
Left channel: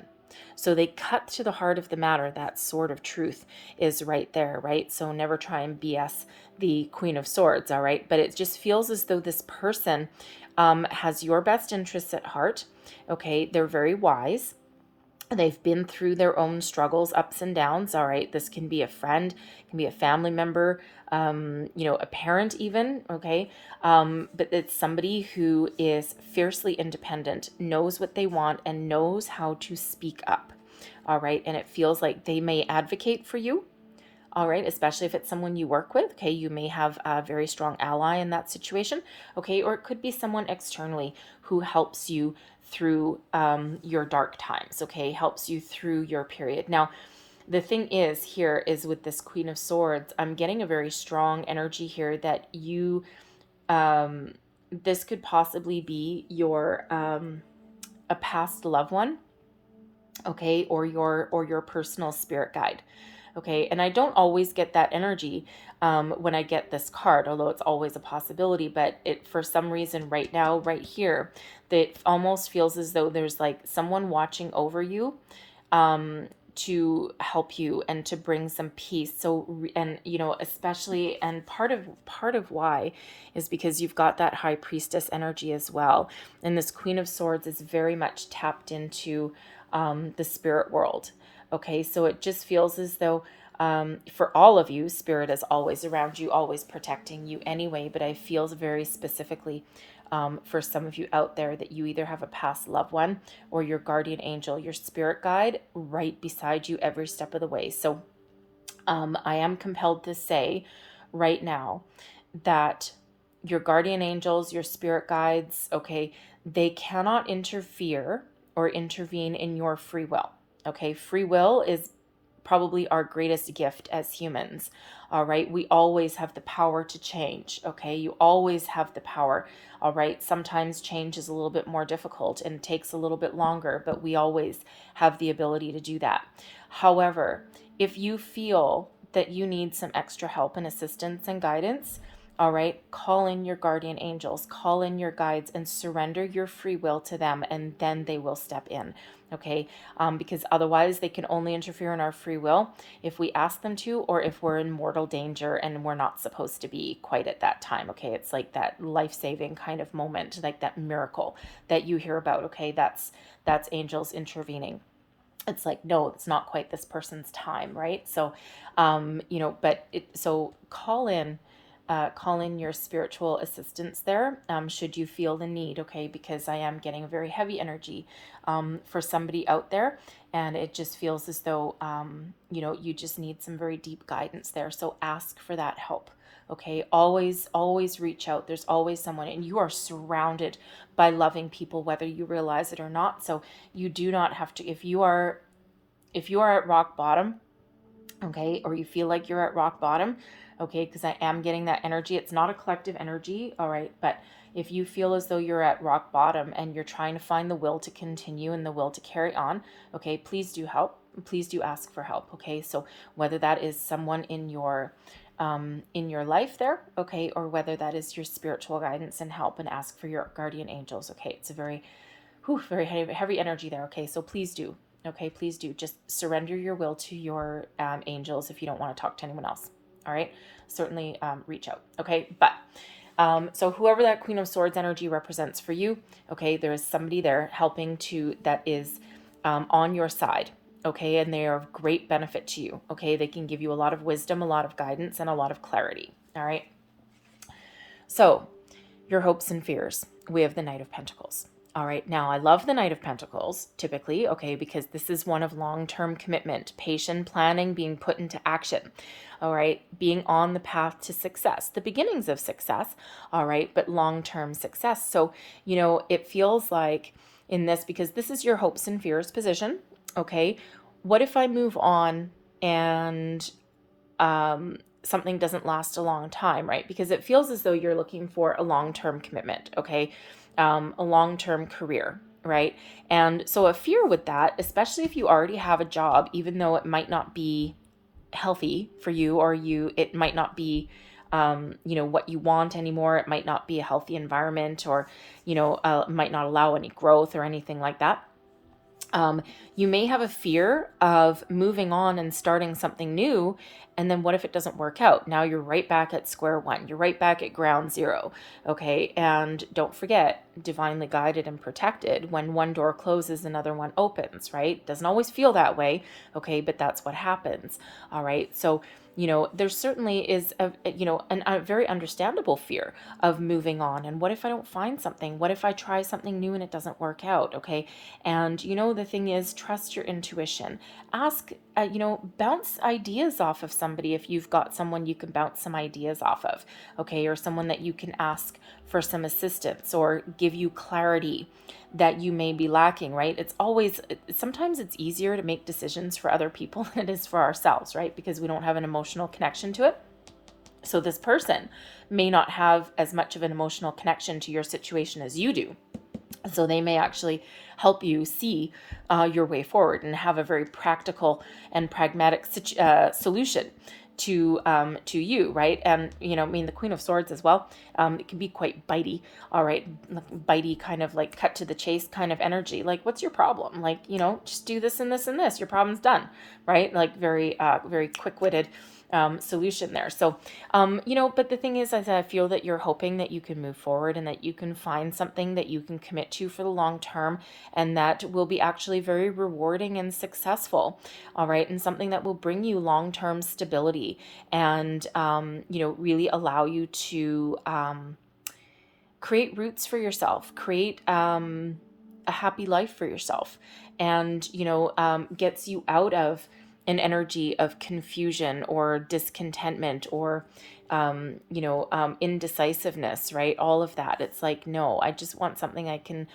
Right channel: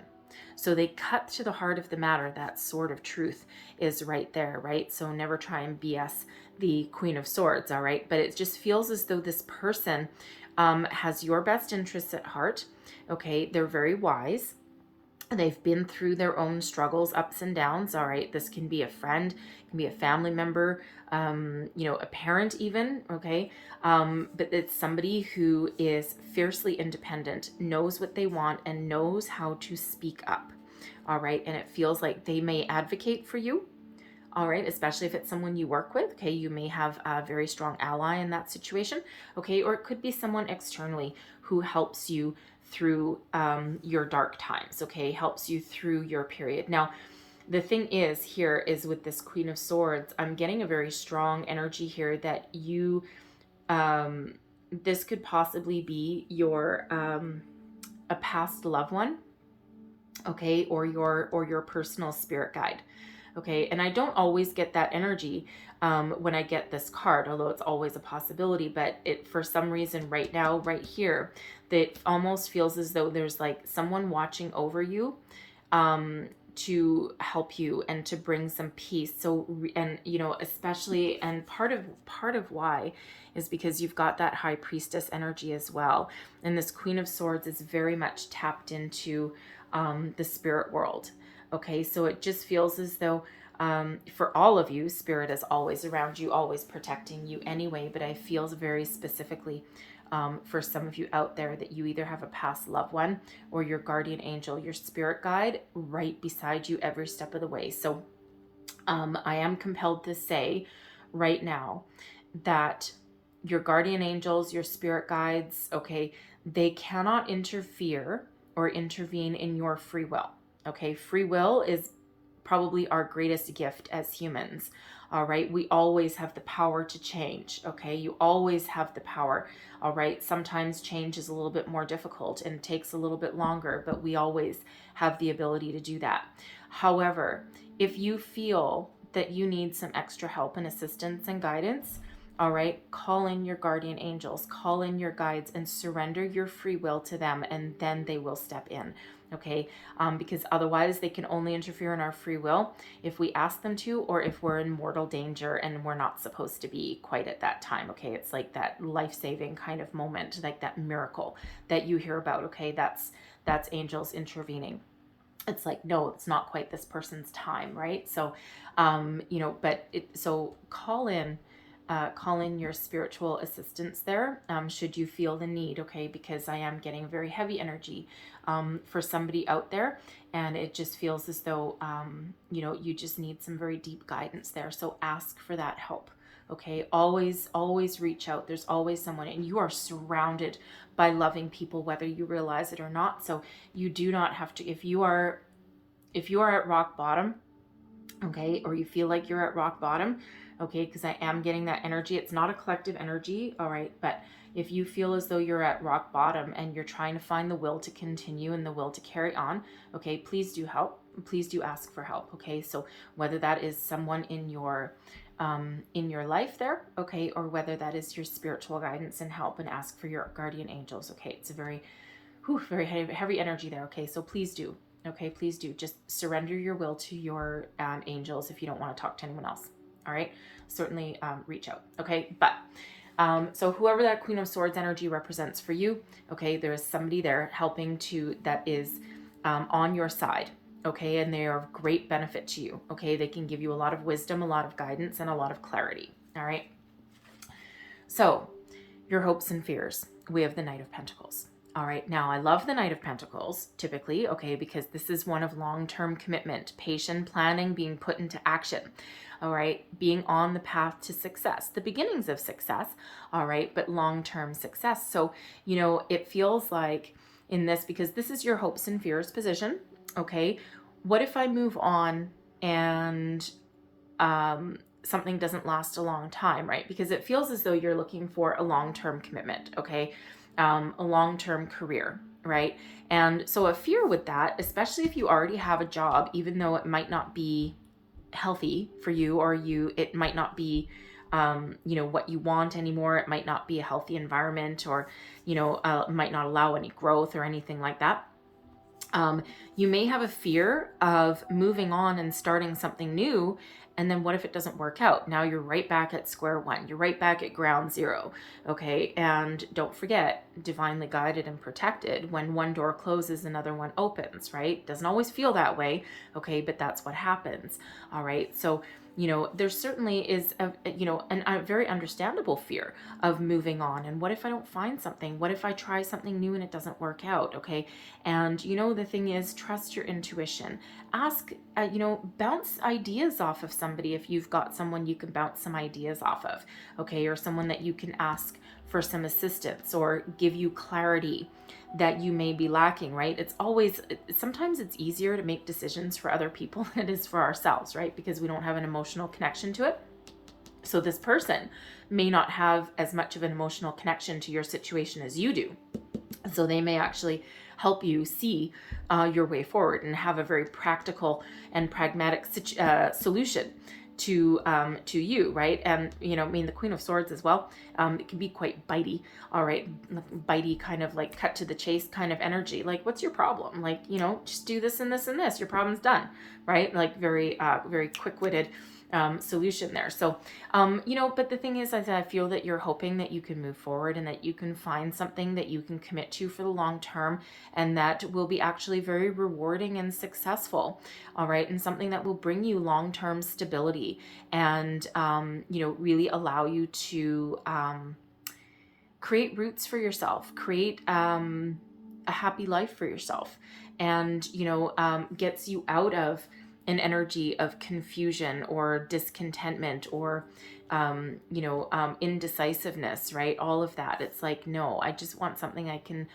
So they cut to the heart of the matter. That sword of truth is right there, right? So never try and BS the Queen of Swords, all right? But it just feels as though this person has your best interests at heart, okay? They're very wise. They've been through their own struggles, ups and downs, all right? This can be a friend, can be a family member, a parent even, okay? But it's somebody who is fiercely independent, knows what they want, and knows how to speak up, all right? And it feels like they may advocate for you, all right? Especially if it's someone you work with, okay? You may have a very strong ally in that situation, okay? Or it could be someone externally who helps you through your dark times, okay? Helps you through your period. Now, the thing is here is with this Queen of Swords, I'm getting a very strong energy here that you, this could possibly be your, a past loved one, okay? Or your personal spirit guide, okay? And I don't always get that energy when I get this card, although it's always a possibility, but it, for some reason right now, right here, that almost feels as though there's like someone watching over you, to help you and to bring some peace. So, and especially, and part of why is because you've got that High Priestess energy as well. And this Queen of Swords is very much tapped into the spirit world. Okay, so it just feels as though For all of you, Spirit is always around you, always protecting you anyway, but I feel very specifically for some of you out there that you either have a past loved one or your guardian angel, your spirit guide right beside you every step of the way. So I am compelled to say right now that your guardian angels, your spirit guides, okay, they cannot interfere or intervene in your free will. Okay, free will is probably our greatest gift as humans. All right, we always have the power to change. Okay, you always have the power. All right, sometimes change is a little bit more difficult and takes a little bit longer, but we always have the ability to do that. However, if you feel that you need some extra help and assistance and guidance, all right, call in your guardian angels, call in your guides, and surrender your free will to them, and then they will step in. Okay, because otherwise they can only interfere in our free will if we ask them to, or if we're in mortal danger and we're not supposed to be quite at that time. Okay, it's like that life-saving kind of moment, like that miracle that you hear about. Okay, that's angels intervening. It's like, no, it's not quite this person's time, right? So, so call in your spiritual assistance there, should you feel the need, okay? Because I am getting very heavy energy for somebody out there, and it just feels as though, you just need some very deep guidance there. So ask for that help, okay? Always reach out. There's always someone, and you are surrounded by loving people, whether you realize it or not. So you do not have to, if you are at rock bottom, okay, or you feel like you're at rock bottom, okay, because I am getting that energy. It's not a collective energy, all right, but if you feel as though you're at rock bottom and you're trying to find the will to continue and the will to carry on, okay, please do help. Please do ask for help, okay? So whether that is someone in your life there, okay, or whether that is your spiritual guidance and help, and ask for your guardian angels, okay? It's a very heavy energy there, okay? So please do, okay? Please do just surrender your will to your angels if you don't want to talk to anyone else. All right, certainly reach out, okay? But so whoever that Queen of Swords energy represents for you, okay, there is somebody there helping that is on your side, okay, and they are of great benefit to you, okay? They can give you a lot of wisdom, a lot of guidance, and a lot of clarity, all right? So your hopes and fears, we have the Knight of Pentacles. All right, now I love the Knight of Pentacles typically, okay, because this is one of long-term commitment, patient planning, being put into action, all right, being on the path to success, the beginnings of success, all right, but long-term success. So, it feels like in this, because this is your hopes and fears position, okay, what if I move on and something doesn't last a long time, right? Because it feels as though you're looking for a long-term commitment, okay? A long-term career, right? And so a fear with that, especially if you already have a job, even though it might not be healthy for you, or it might not be, what you want anymore. It might not be a healthy environment, or, might not allow any growth or anything like that. You may have a fear of moving on and starting something new. And then what if it doesn't work out? Now you're right back at square one. You're right back at ground zero. Okay. And don't forget, divinely guided and protected. When one door closes, another one opens, right? Doesn't always feel that way. Okay. But that's what happens. All right. So, there certainly is a very understandable fear of moving on. And what if I don't find something? What if I try something new and it doesn't work out? Okay. And, the thing is, trust your intuition. Ask, bounce ideas off of somebody if you've got someone you can bounce some ideas off of, okay, or someone that you can ask for some assistance or give you clarity that you may be lacking, right? Sometimes it's easier to make decisions for other people than it is for ourselves, right? Because we don't have an emotional connection to it. So this person may not have as much of an emotional connection to your situation as you do. So they may actually help you see your way forward and have a very practical and pragmatic solution to you, right? And the Queen of Swords as well, it can be quite bitey, all right, bitey, kind of like cut to the chase kind of energy. Like, what's your problem? Like, just do this and this and this, your problem's done, right? Like very quick-witted solution there. So, but the thing is I feel that you're hoping that you can move forward and that you can find something that you can commit to for the long term, and that will be actually very rewarding and successful. All right. And something that will bring you long-term stability and, really allow you to, create roots for yourself, create, a happy life for yourself, and gets you out of an energy of confusion or discontentment or indecisiveness, right? All of that. It's like, no, I just want something I can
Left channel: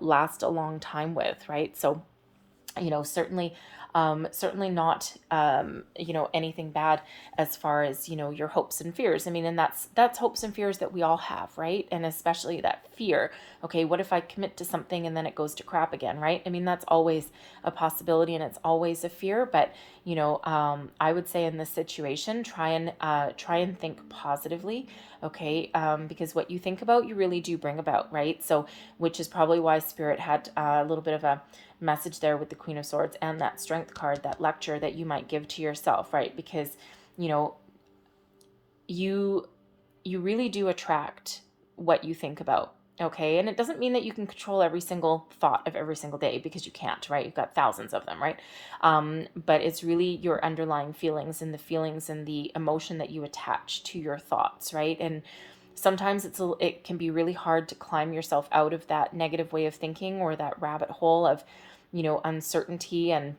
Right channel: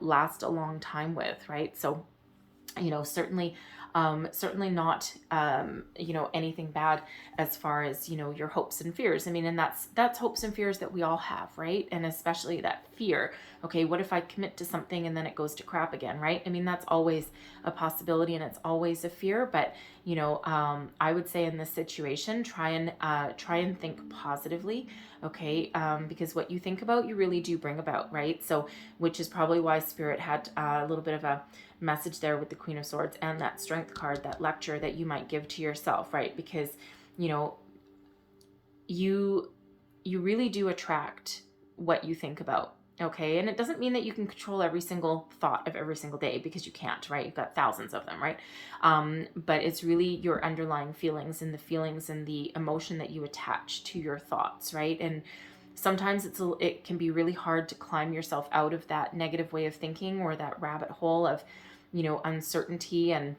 last a long time with, right? So certainly not anything bad as far as your hopes and fears. I mean, and that's hopes and fears that we all have, right? And especially that fear. Okay, what if I commit to something and then it goes to crap again, right? I mean, that's always a possibility and it's always a fear. But I would say in this situation, try and think positively. Okay, because what you think about, you really do bring about, right? So, which is probably why Spirit had a little bit of a message there with the Queen of Swords and that Strength card, that lecture that you might give to yourself, right? Because you really do attract what you think about. Okay, and it doesn't mean that you can control every single thought of every single day, because you can't, right? You've got thousands of them, right? But it's really your underlying feelings and the emotion that you attach to your thoughts, right? And sometimes it can be really hard to climb yourself out of that negative way of thinking or that rabbit hole of uncertainty and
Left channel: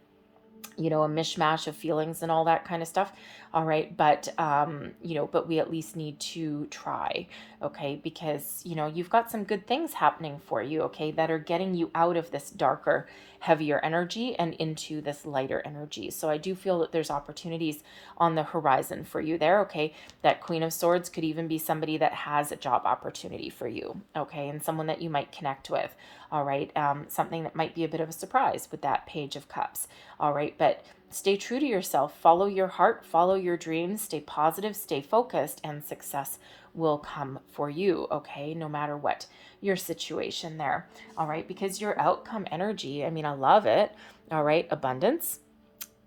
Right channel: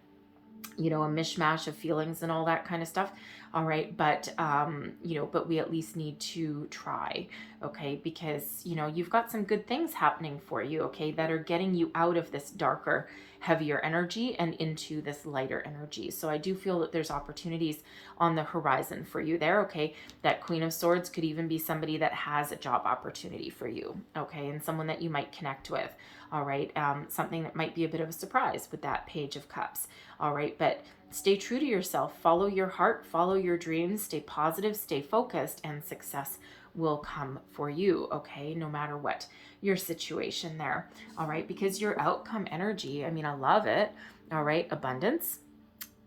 a mishmash of feelings and all that kind of stuff. All right. But, but we at least need to try. Okay. Because, you've got some good things happening for you. Okay. That are getting you out of this darker, heavier energy and into this lighter energy. So I do feel that there's opportunities on the horizon for you there. Okay. That Queen of Swords could even be somebody that has a job opportunity for you. Okay. And someone that you might connect with. All right. Something that might be a bit of a surprise with that Page of Cups. All right. But stay true to yourself, follow your heart, follow your dreams, stay positive, stay focused, and success will come for you. Okay. No matter what your situation there. All right. Because your outcome energy, I mean, I love it. All right. Abundance,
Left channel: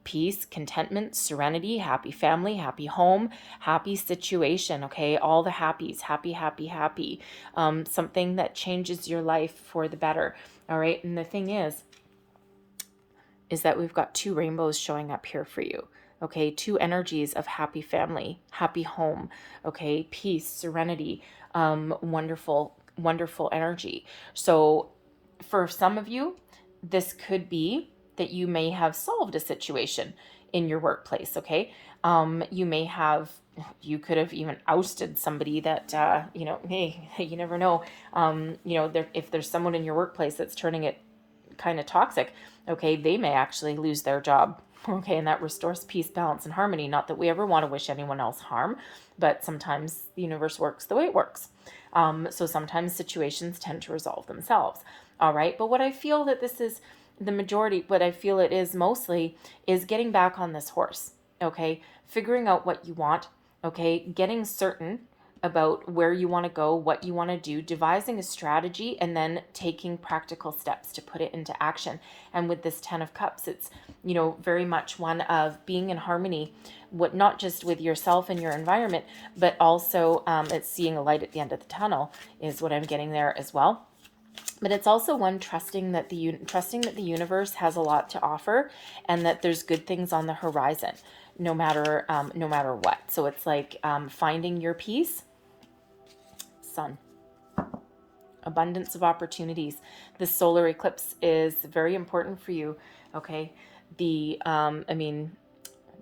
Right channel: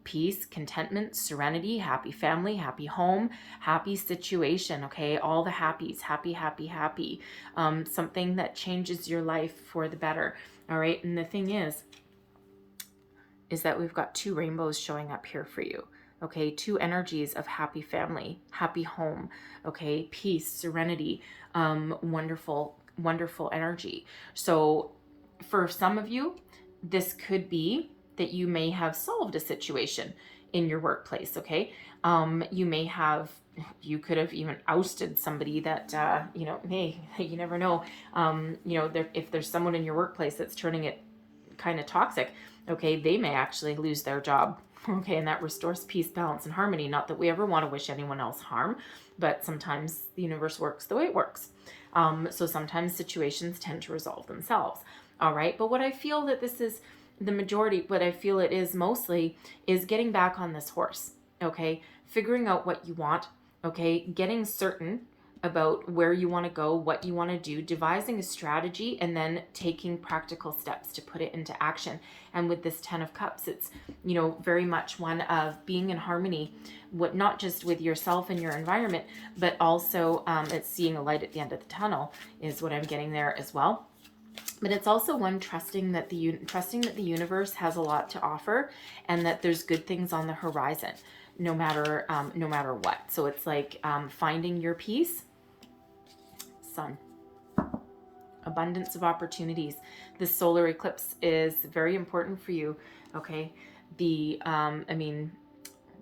peace, contentment, serenity, happy family, happy home, happy situation. Okay. All the happies, happy, happy, happy. Something that changes your life for the better. All right. And the thing is that we've got two rainbows showing up here for you. Okay. Two energies of happy family, happy home. Okay. Peace, serenity, wonderful, wonderful energy. So for some of you, this could be that you may have solved a situation in your workplace. Okay. You could have even ousted somebody that, hey, you never know. If there's someone in your workplace that's turning it kind of toxic, okay, they may actually lose their job. Okay. And that restores peace, balance, and harmony. Not that we ever want to wish anyone else harm, but sometimes the universe works the way it works. So sometimes situations tend to resolve themselves. All right. But what I feel that this is the majority, what I feel it is mostly, is getting back on this horse. Okay. Figuring out what you want. Okay. Getting certain about where you want to go, what you want to do, devising a strategy, and then taking practical steps to put it into action. And with this 10 of Cups, it's, very much one of being in harmony, not just with yourself and your environment, but also it's seeing a light at the end of the tunnel is what I'm getting there as well. But it's also one trusting that the universe has a lot to offer, and that there's good things on the horizon, no matter what. So it's like finding your peace. Sun. Abundance of opportunities. This solar eclipse is very important for you. Okay.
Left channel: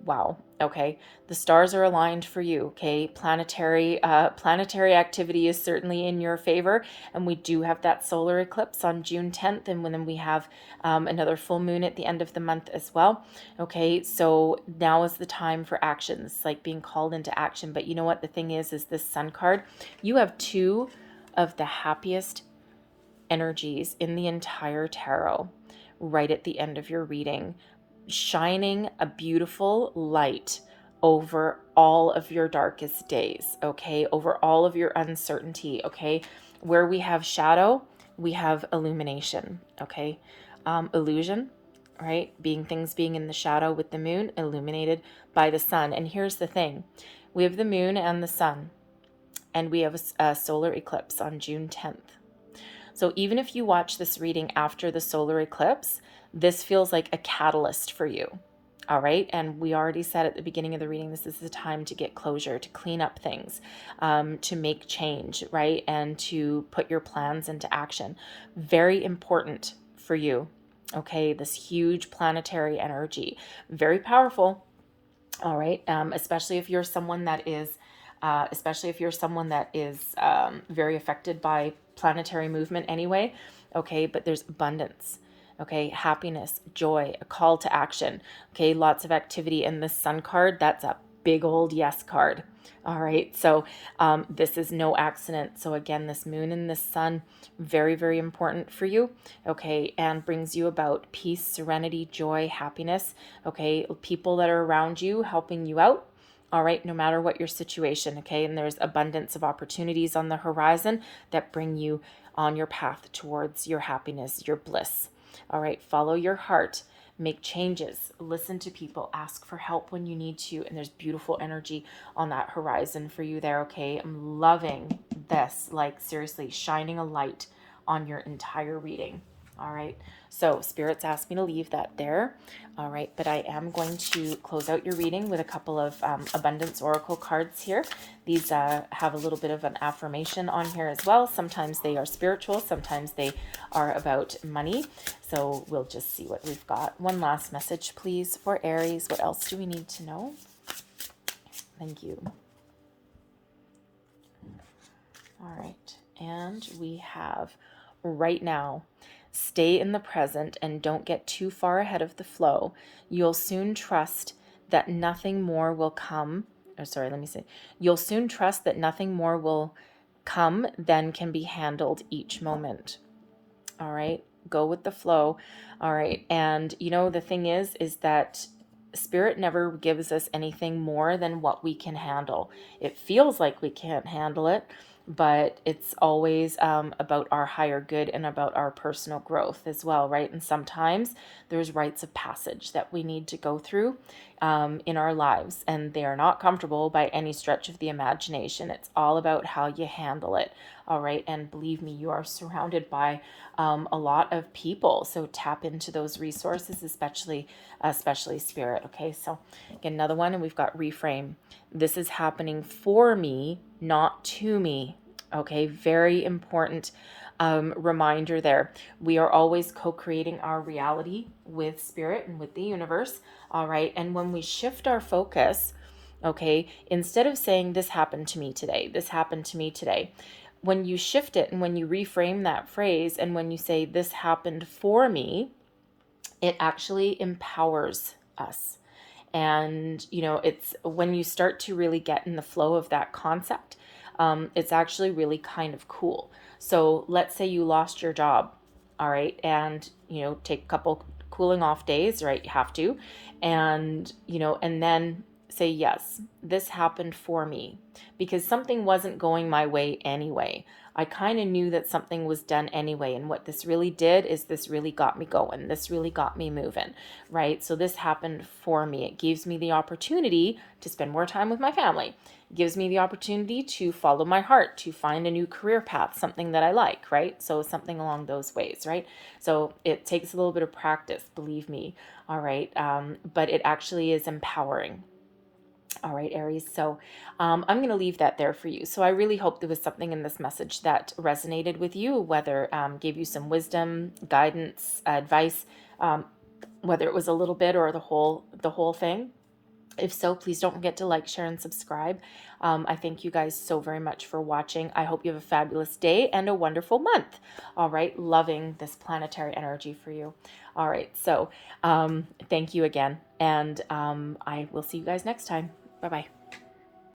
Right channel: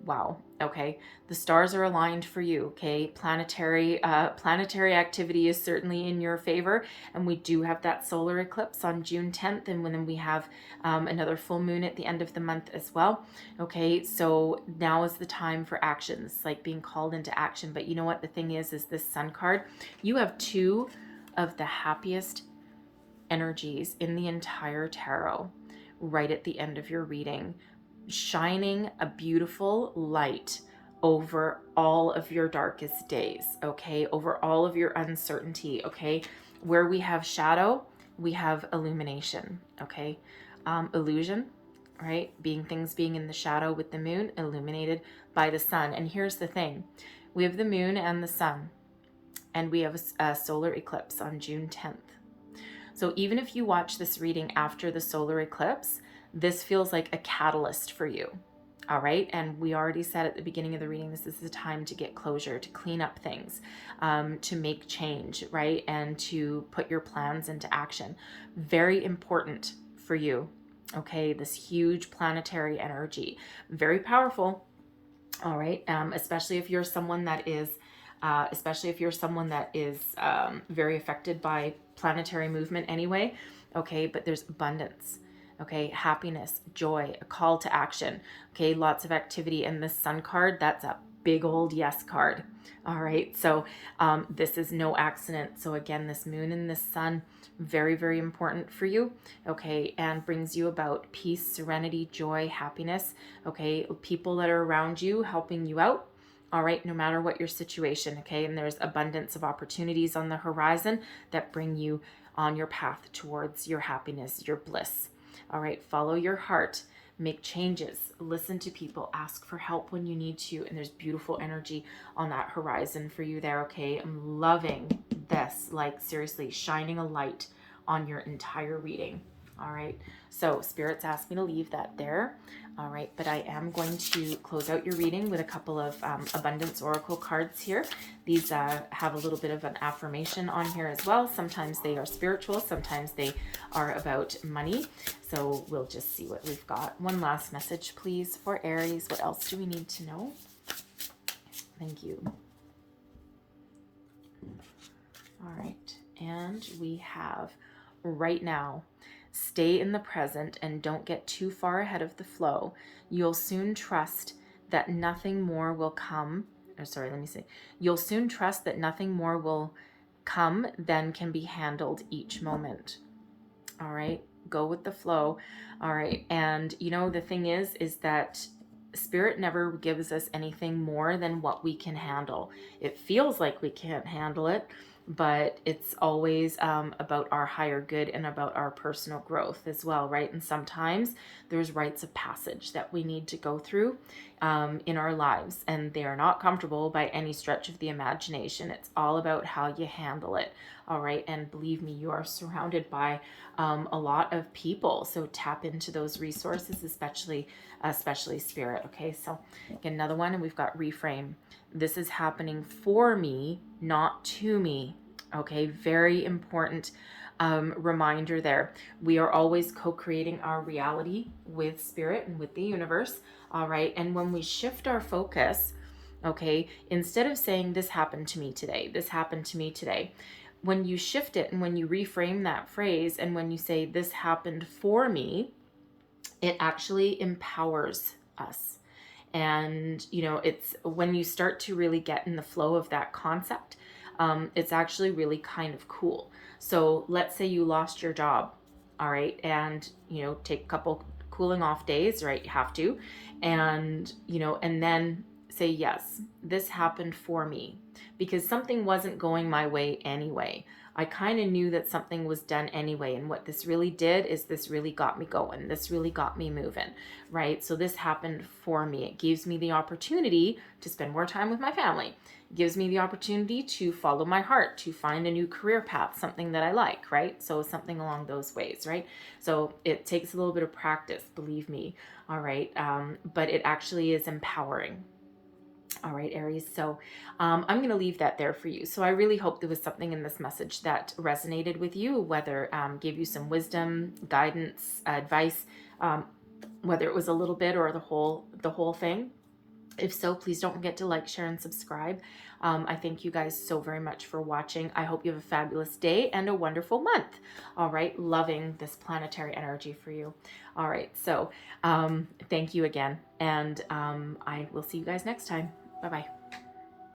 Wow. Okay. The stars are aligned for you. Okay. Planetary activity is certainly in your favor. And we do have that solar eclipse on June 10th. And then we have another full moon at the end of the month as well. Okay. So now is the time for actions, like being called into action. But you know what the thing is this Sun card, you have two of the happiest energies in the entire tarot right at the end of your reading, shining a beautiful light over all of your darkest days. Okay. Over all of your uncertainty. Okay. Where we have shadow, we have illumination. Okay. Illusion, right? Things being in the shadow with the moon, illuminated by the sun. And here's the thing. We have the moon and the sun, and we have a solar eclipse on June 10th. So even if you watch this reading after the solar eclipse, this feels like a catalyst for you. All right. And we already said at the beginning of the reading, this is the time to get closure, to clean up things, to make change, right? And to put your plans into action. Very important for you. Okay. This huge planetary energy, very powerful. All right. Especially if you're someone that is very affected by planetary movement anyway. Okay. But there's abundance. Okay, happiness, joy, a call to action. Okay, lots of activity. And the sun card, that's a big old yes card. All right, so this is no accident. So again, this moon and this sun, very, very important for you. Okay, and brings you about peace, serenity, joy, happiness. Okay, people that are around you helping you out. All right, no matter what your situation. Okay, and there's abundance of opportunities on the horizon that bring you on your path towards your happiness, your bliss. All right, follow your heart, make changes, listen to people, ask for help when you need to. And there's beautiful energy on that horizon for you there. Okay, I'm loving this, like seriously, shining a light on your entire reading. All right, so spirits asked me to leave that there. All right, but I am going to close out your reading with a couple of abundance oracle cards here. These have a little bit of an affirmation on here as well. Sometimes they are spiritual, sometimes they are about money. So we'll just see what we've got. One last message, please, for Aries. What else do we need to know? Thank you. All right, and we have right now, stay in the present and don't get too far ahead of the flow. You'll soon trust that nothing more will come. You'll soon trust that nothing more will come than can be handled each moment. All right, go with the flow. All right, and you know, the thing is that Spirit never gives us anything more than what we can handle. It feels like we can't handle it, but it's always about our higher good and about our personal growth as well, right? And sometimes there's rites of passage that we need to go through in our lives, and they are not comfortable by any stretch of the imagination. It's all about how you handle it, all right? And believe me, you are surrounded by a lot of people, so tap into those resources, especially Spirit. Okay, so get another one, and we've got reframe. This is happening for me, not to me. Okay, very important reminder there. We are always co-creating our reality with Spirit and with the universe. All right, and when we shift our focus, okay, instead of saying this happened to me today, this happened to me today, when you shift it and when you reframe that phrase and when you say this happened for me, it actually empowers us. And, you know, it's when you start to really get in the flow of that concept, it's actually really kind of cool. So let's say you lost your job, all right, and, you know, take a couple cooling off days, right? You have to. And, you know, and then say, yes, this happened for me because something wasn't going my way anyway. I kind of knew that something was done anyway. And what this really did is this really got me going. This really got me moving, right? So this happened for me. It gives me the opportunity to spend more time with my family. It gives me the opportunity to follow my heart, to find a new career path, something that I like, right? So something along those ways, right? So it takes a little bit of practice, believe me, all right? But it actually is empowering. All right, Aries. So I'm going to leave that there for you. So I really hope there was something in this message that resonated with you, whether gave you some wisdom, guidance, advice, whether it was a little bit or the whole thing. If so, please don't forget to like, share, and subscribe. I thank you guys so very much for watching. I hope you have a fabulous day and a wonderful month. All right, loving this planetary energy for you. All right, so thank you again, and I will see you guys next time. Bye-bye.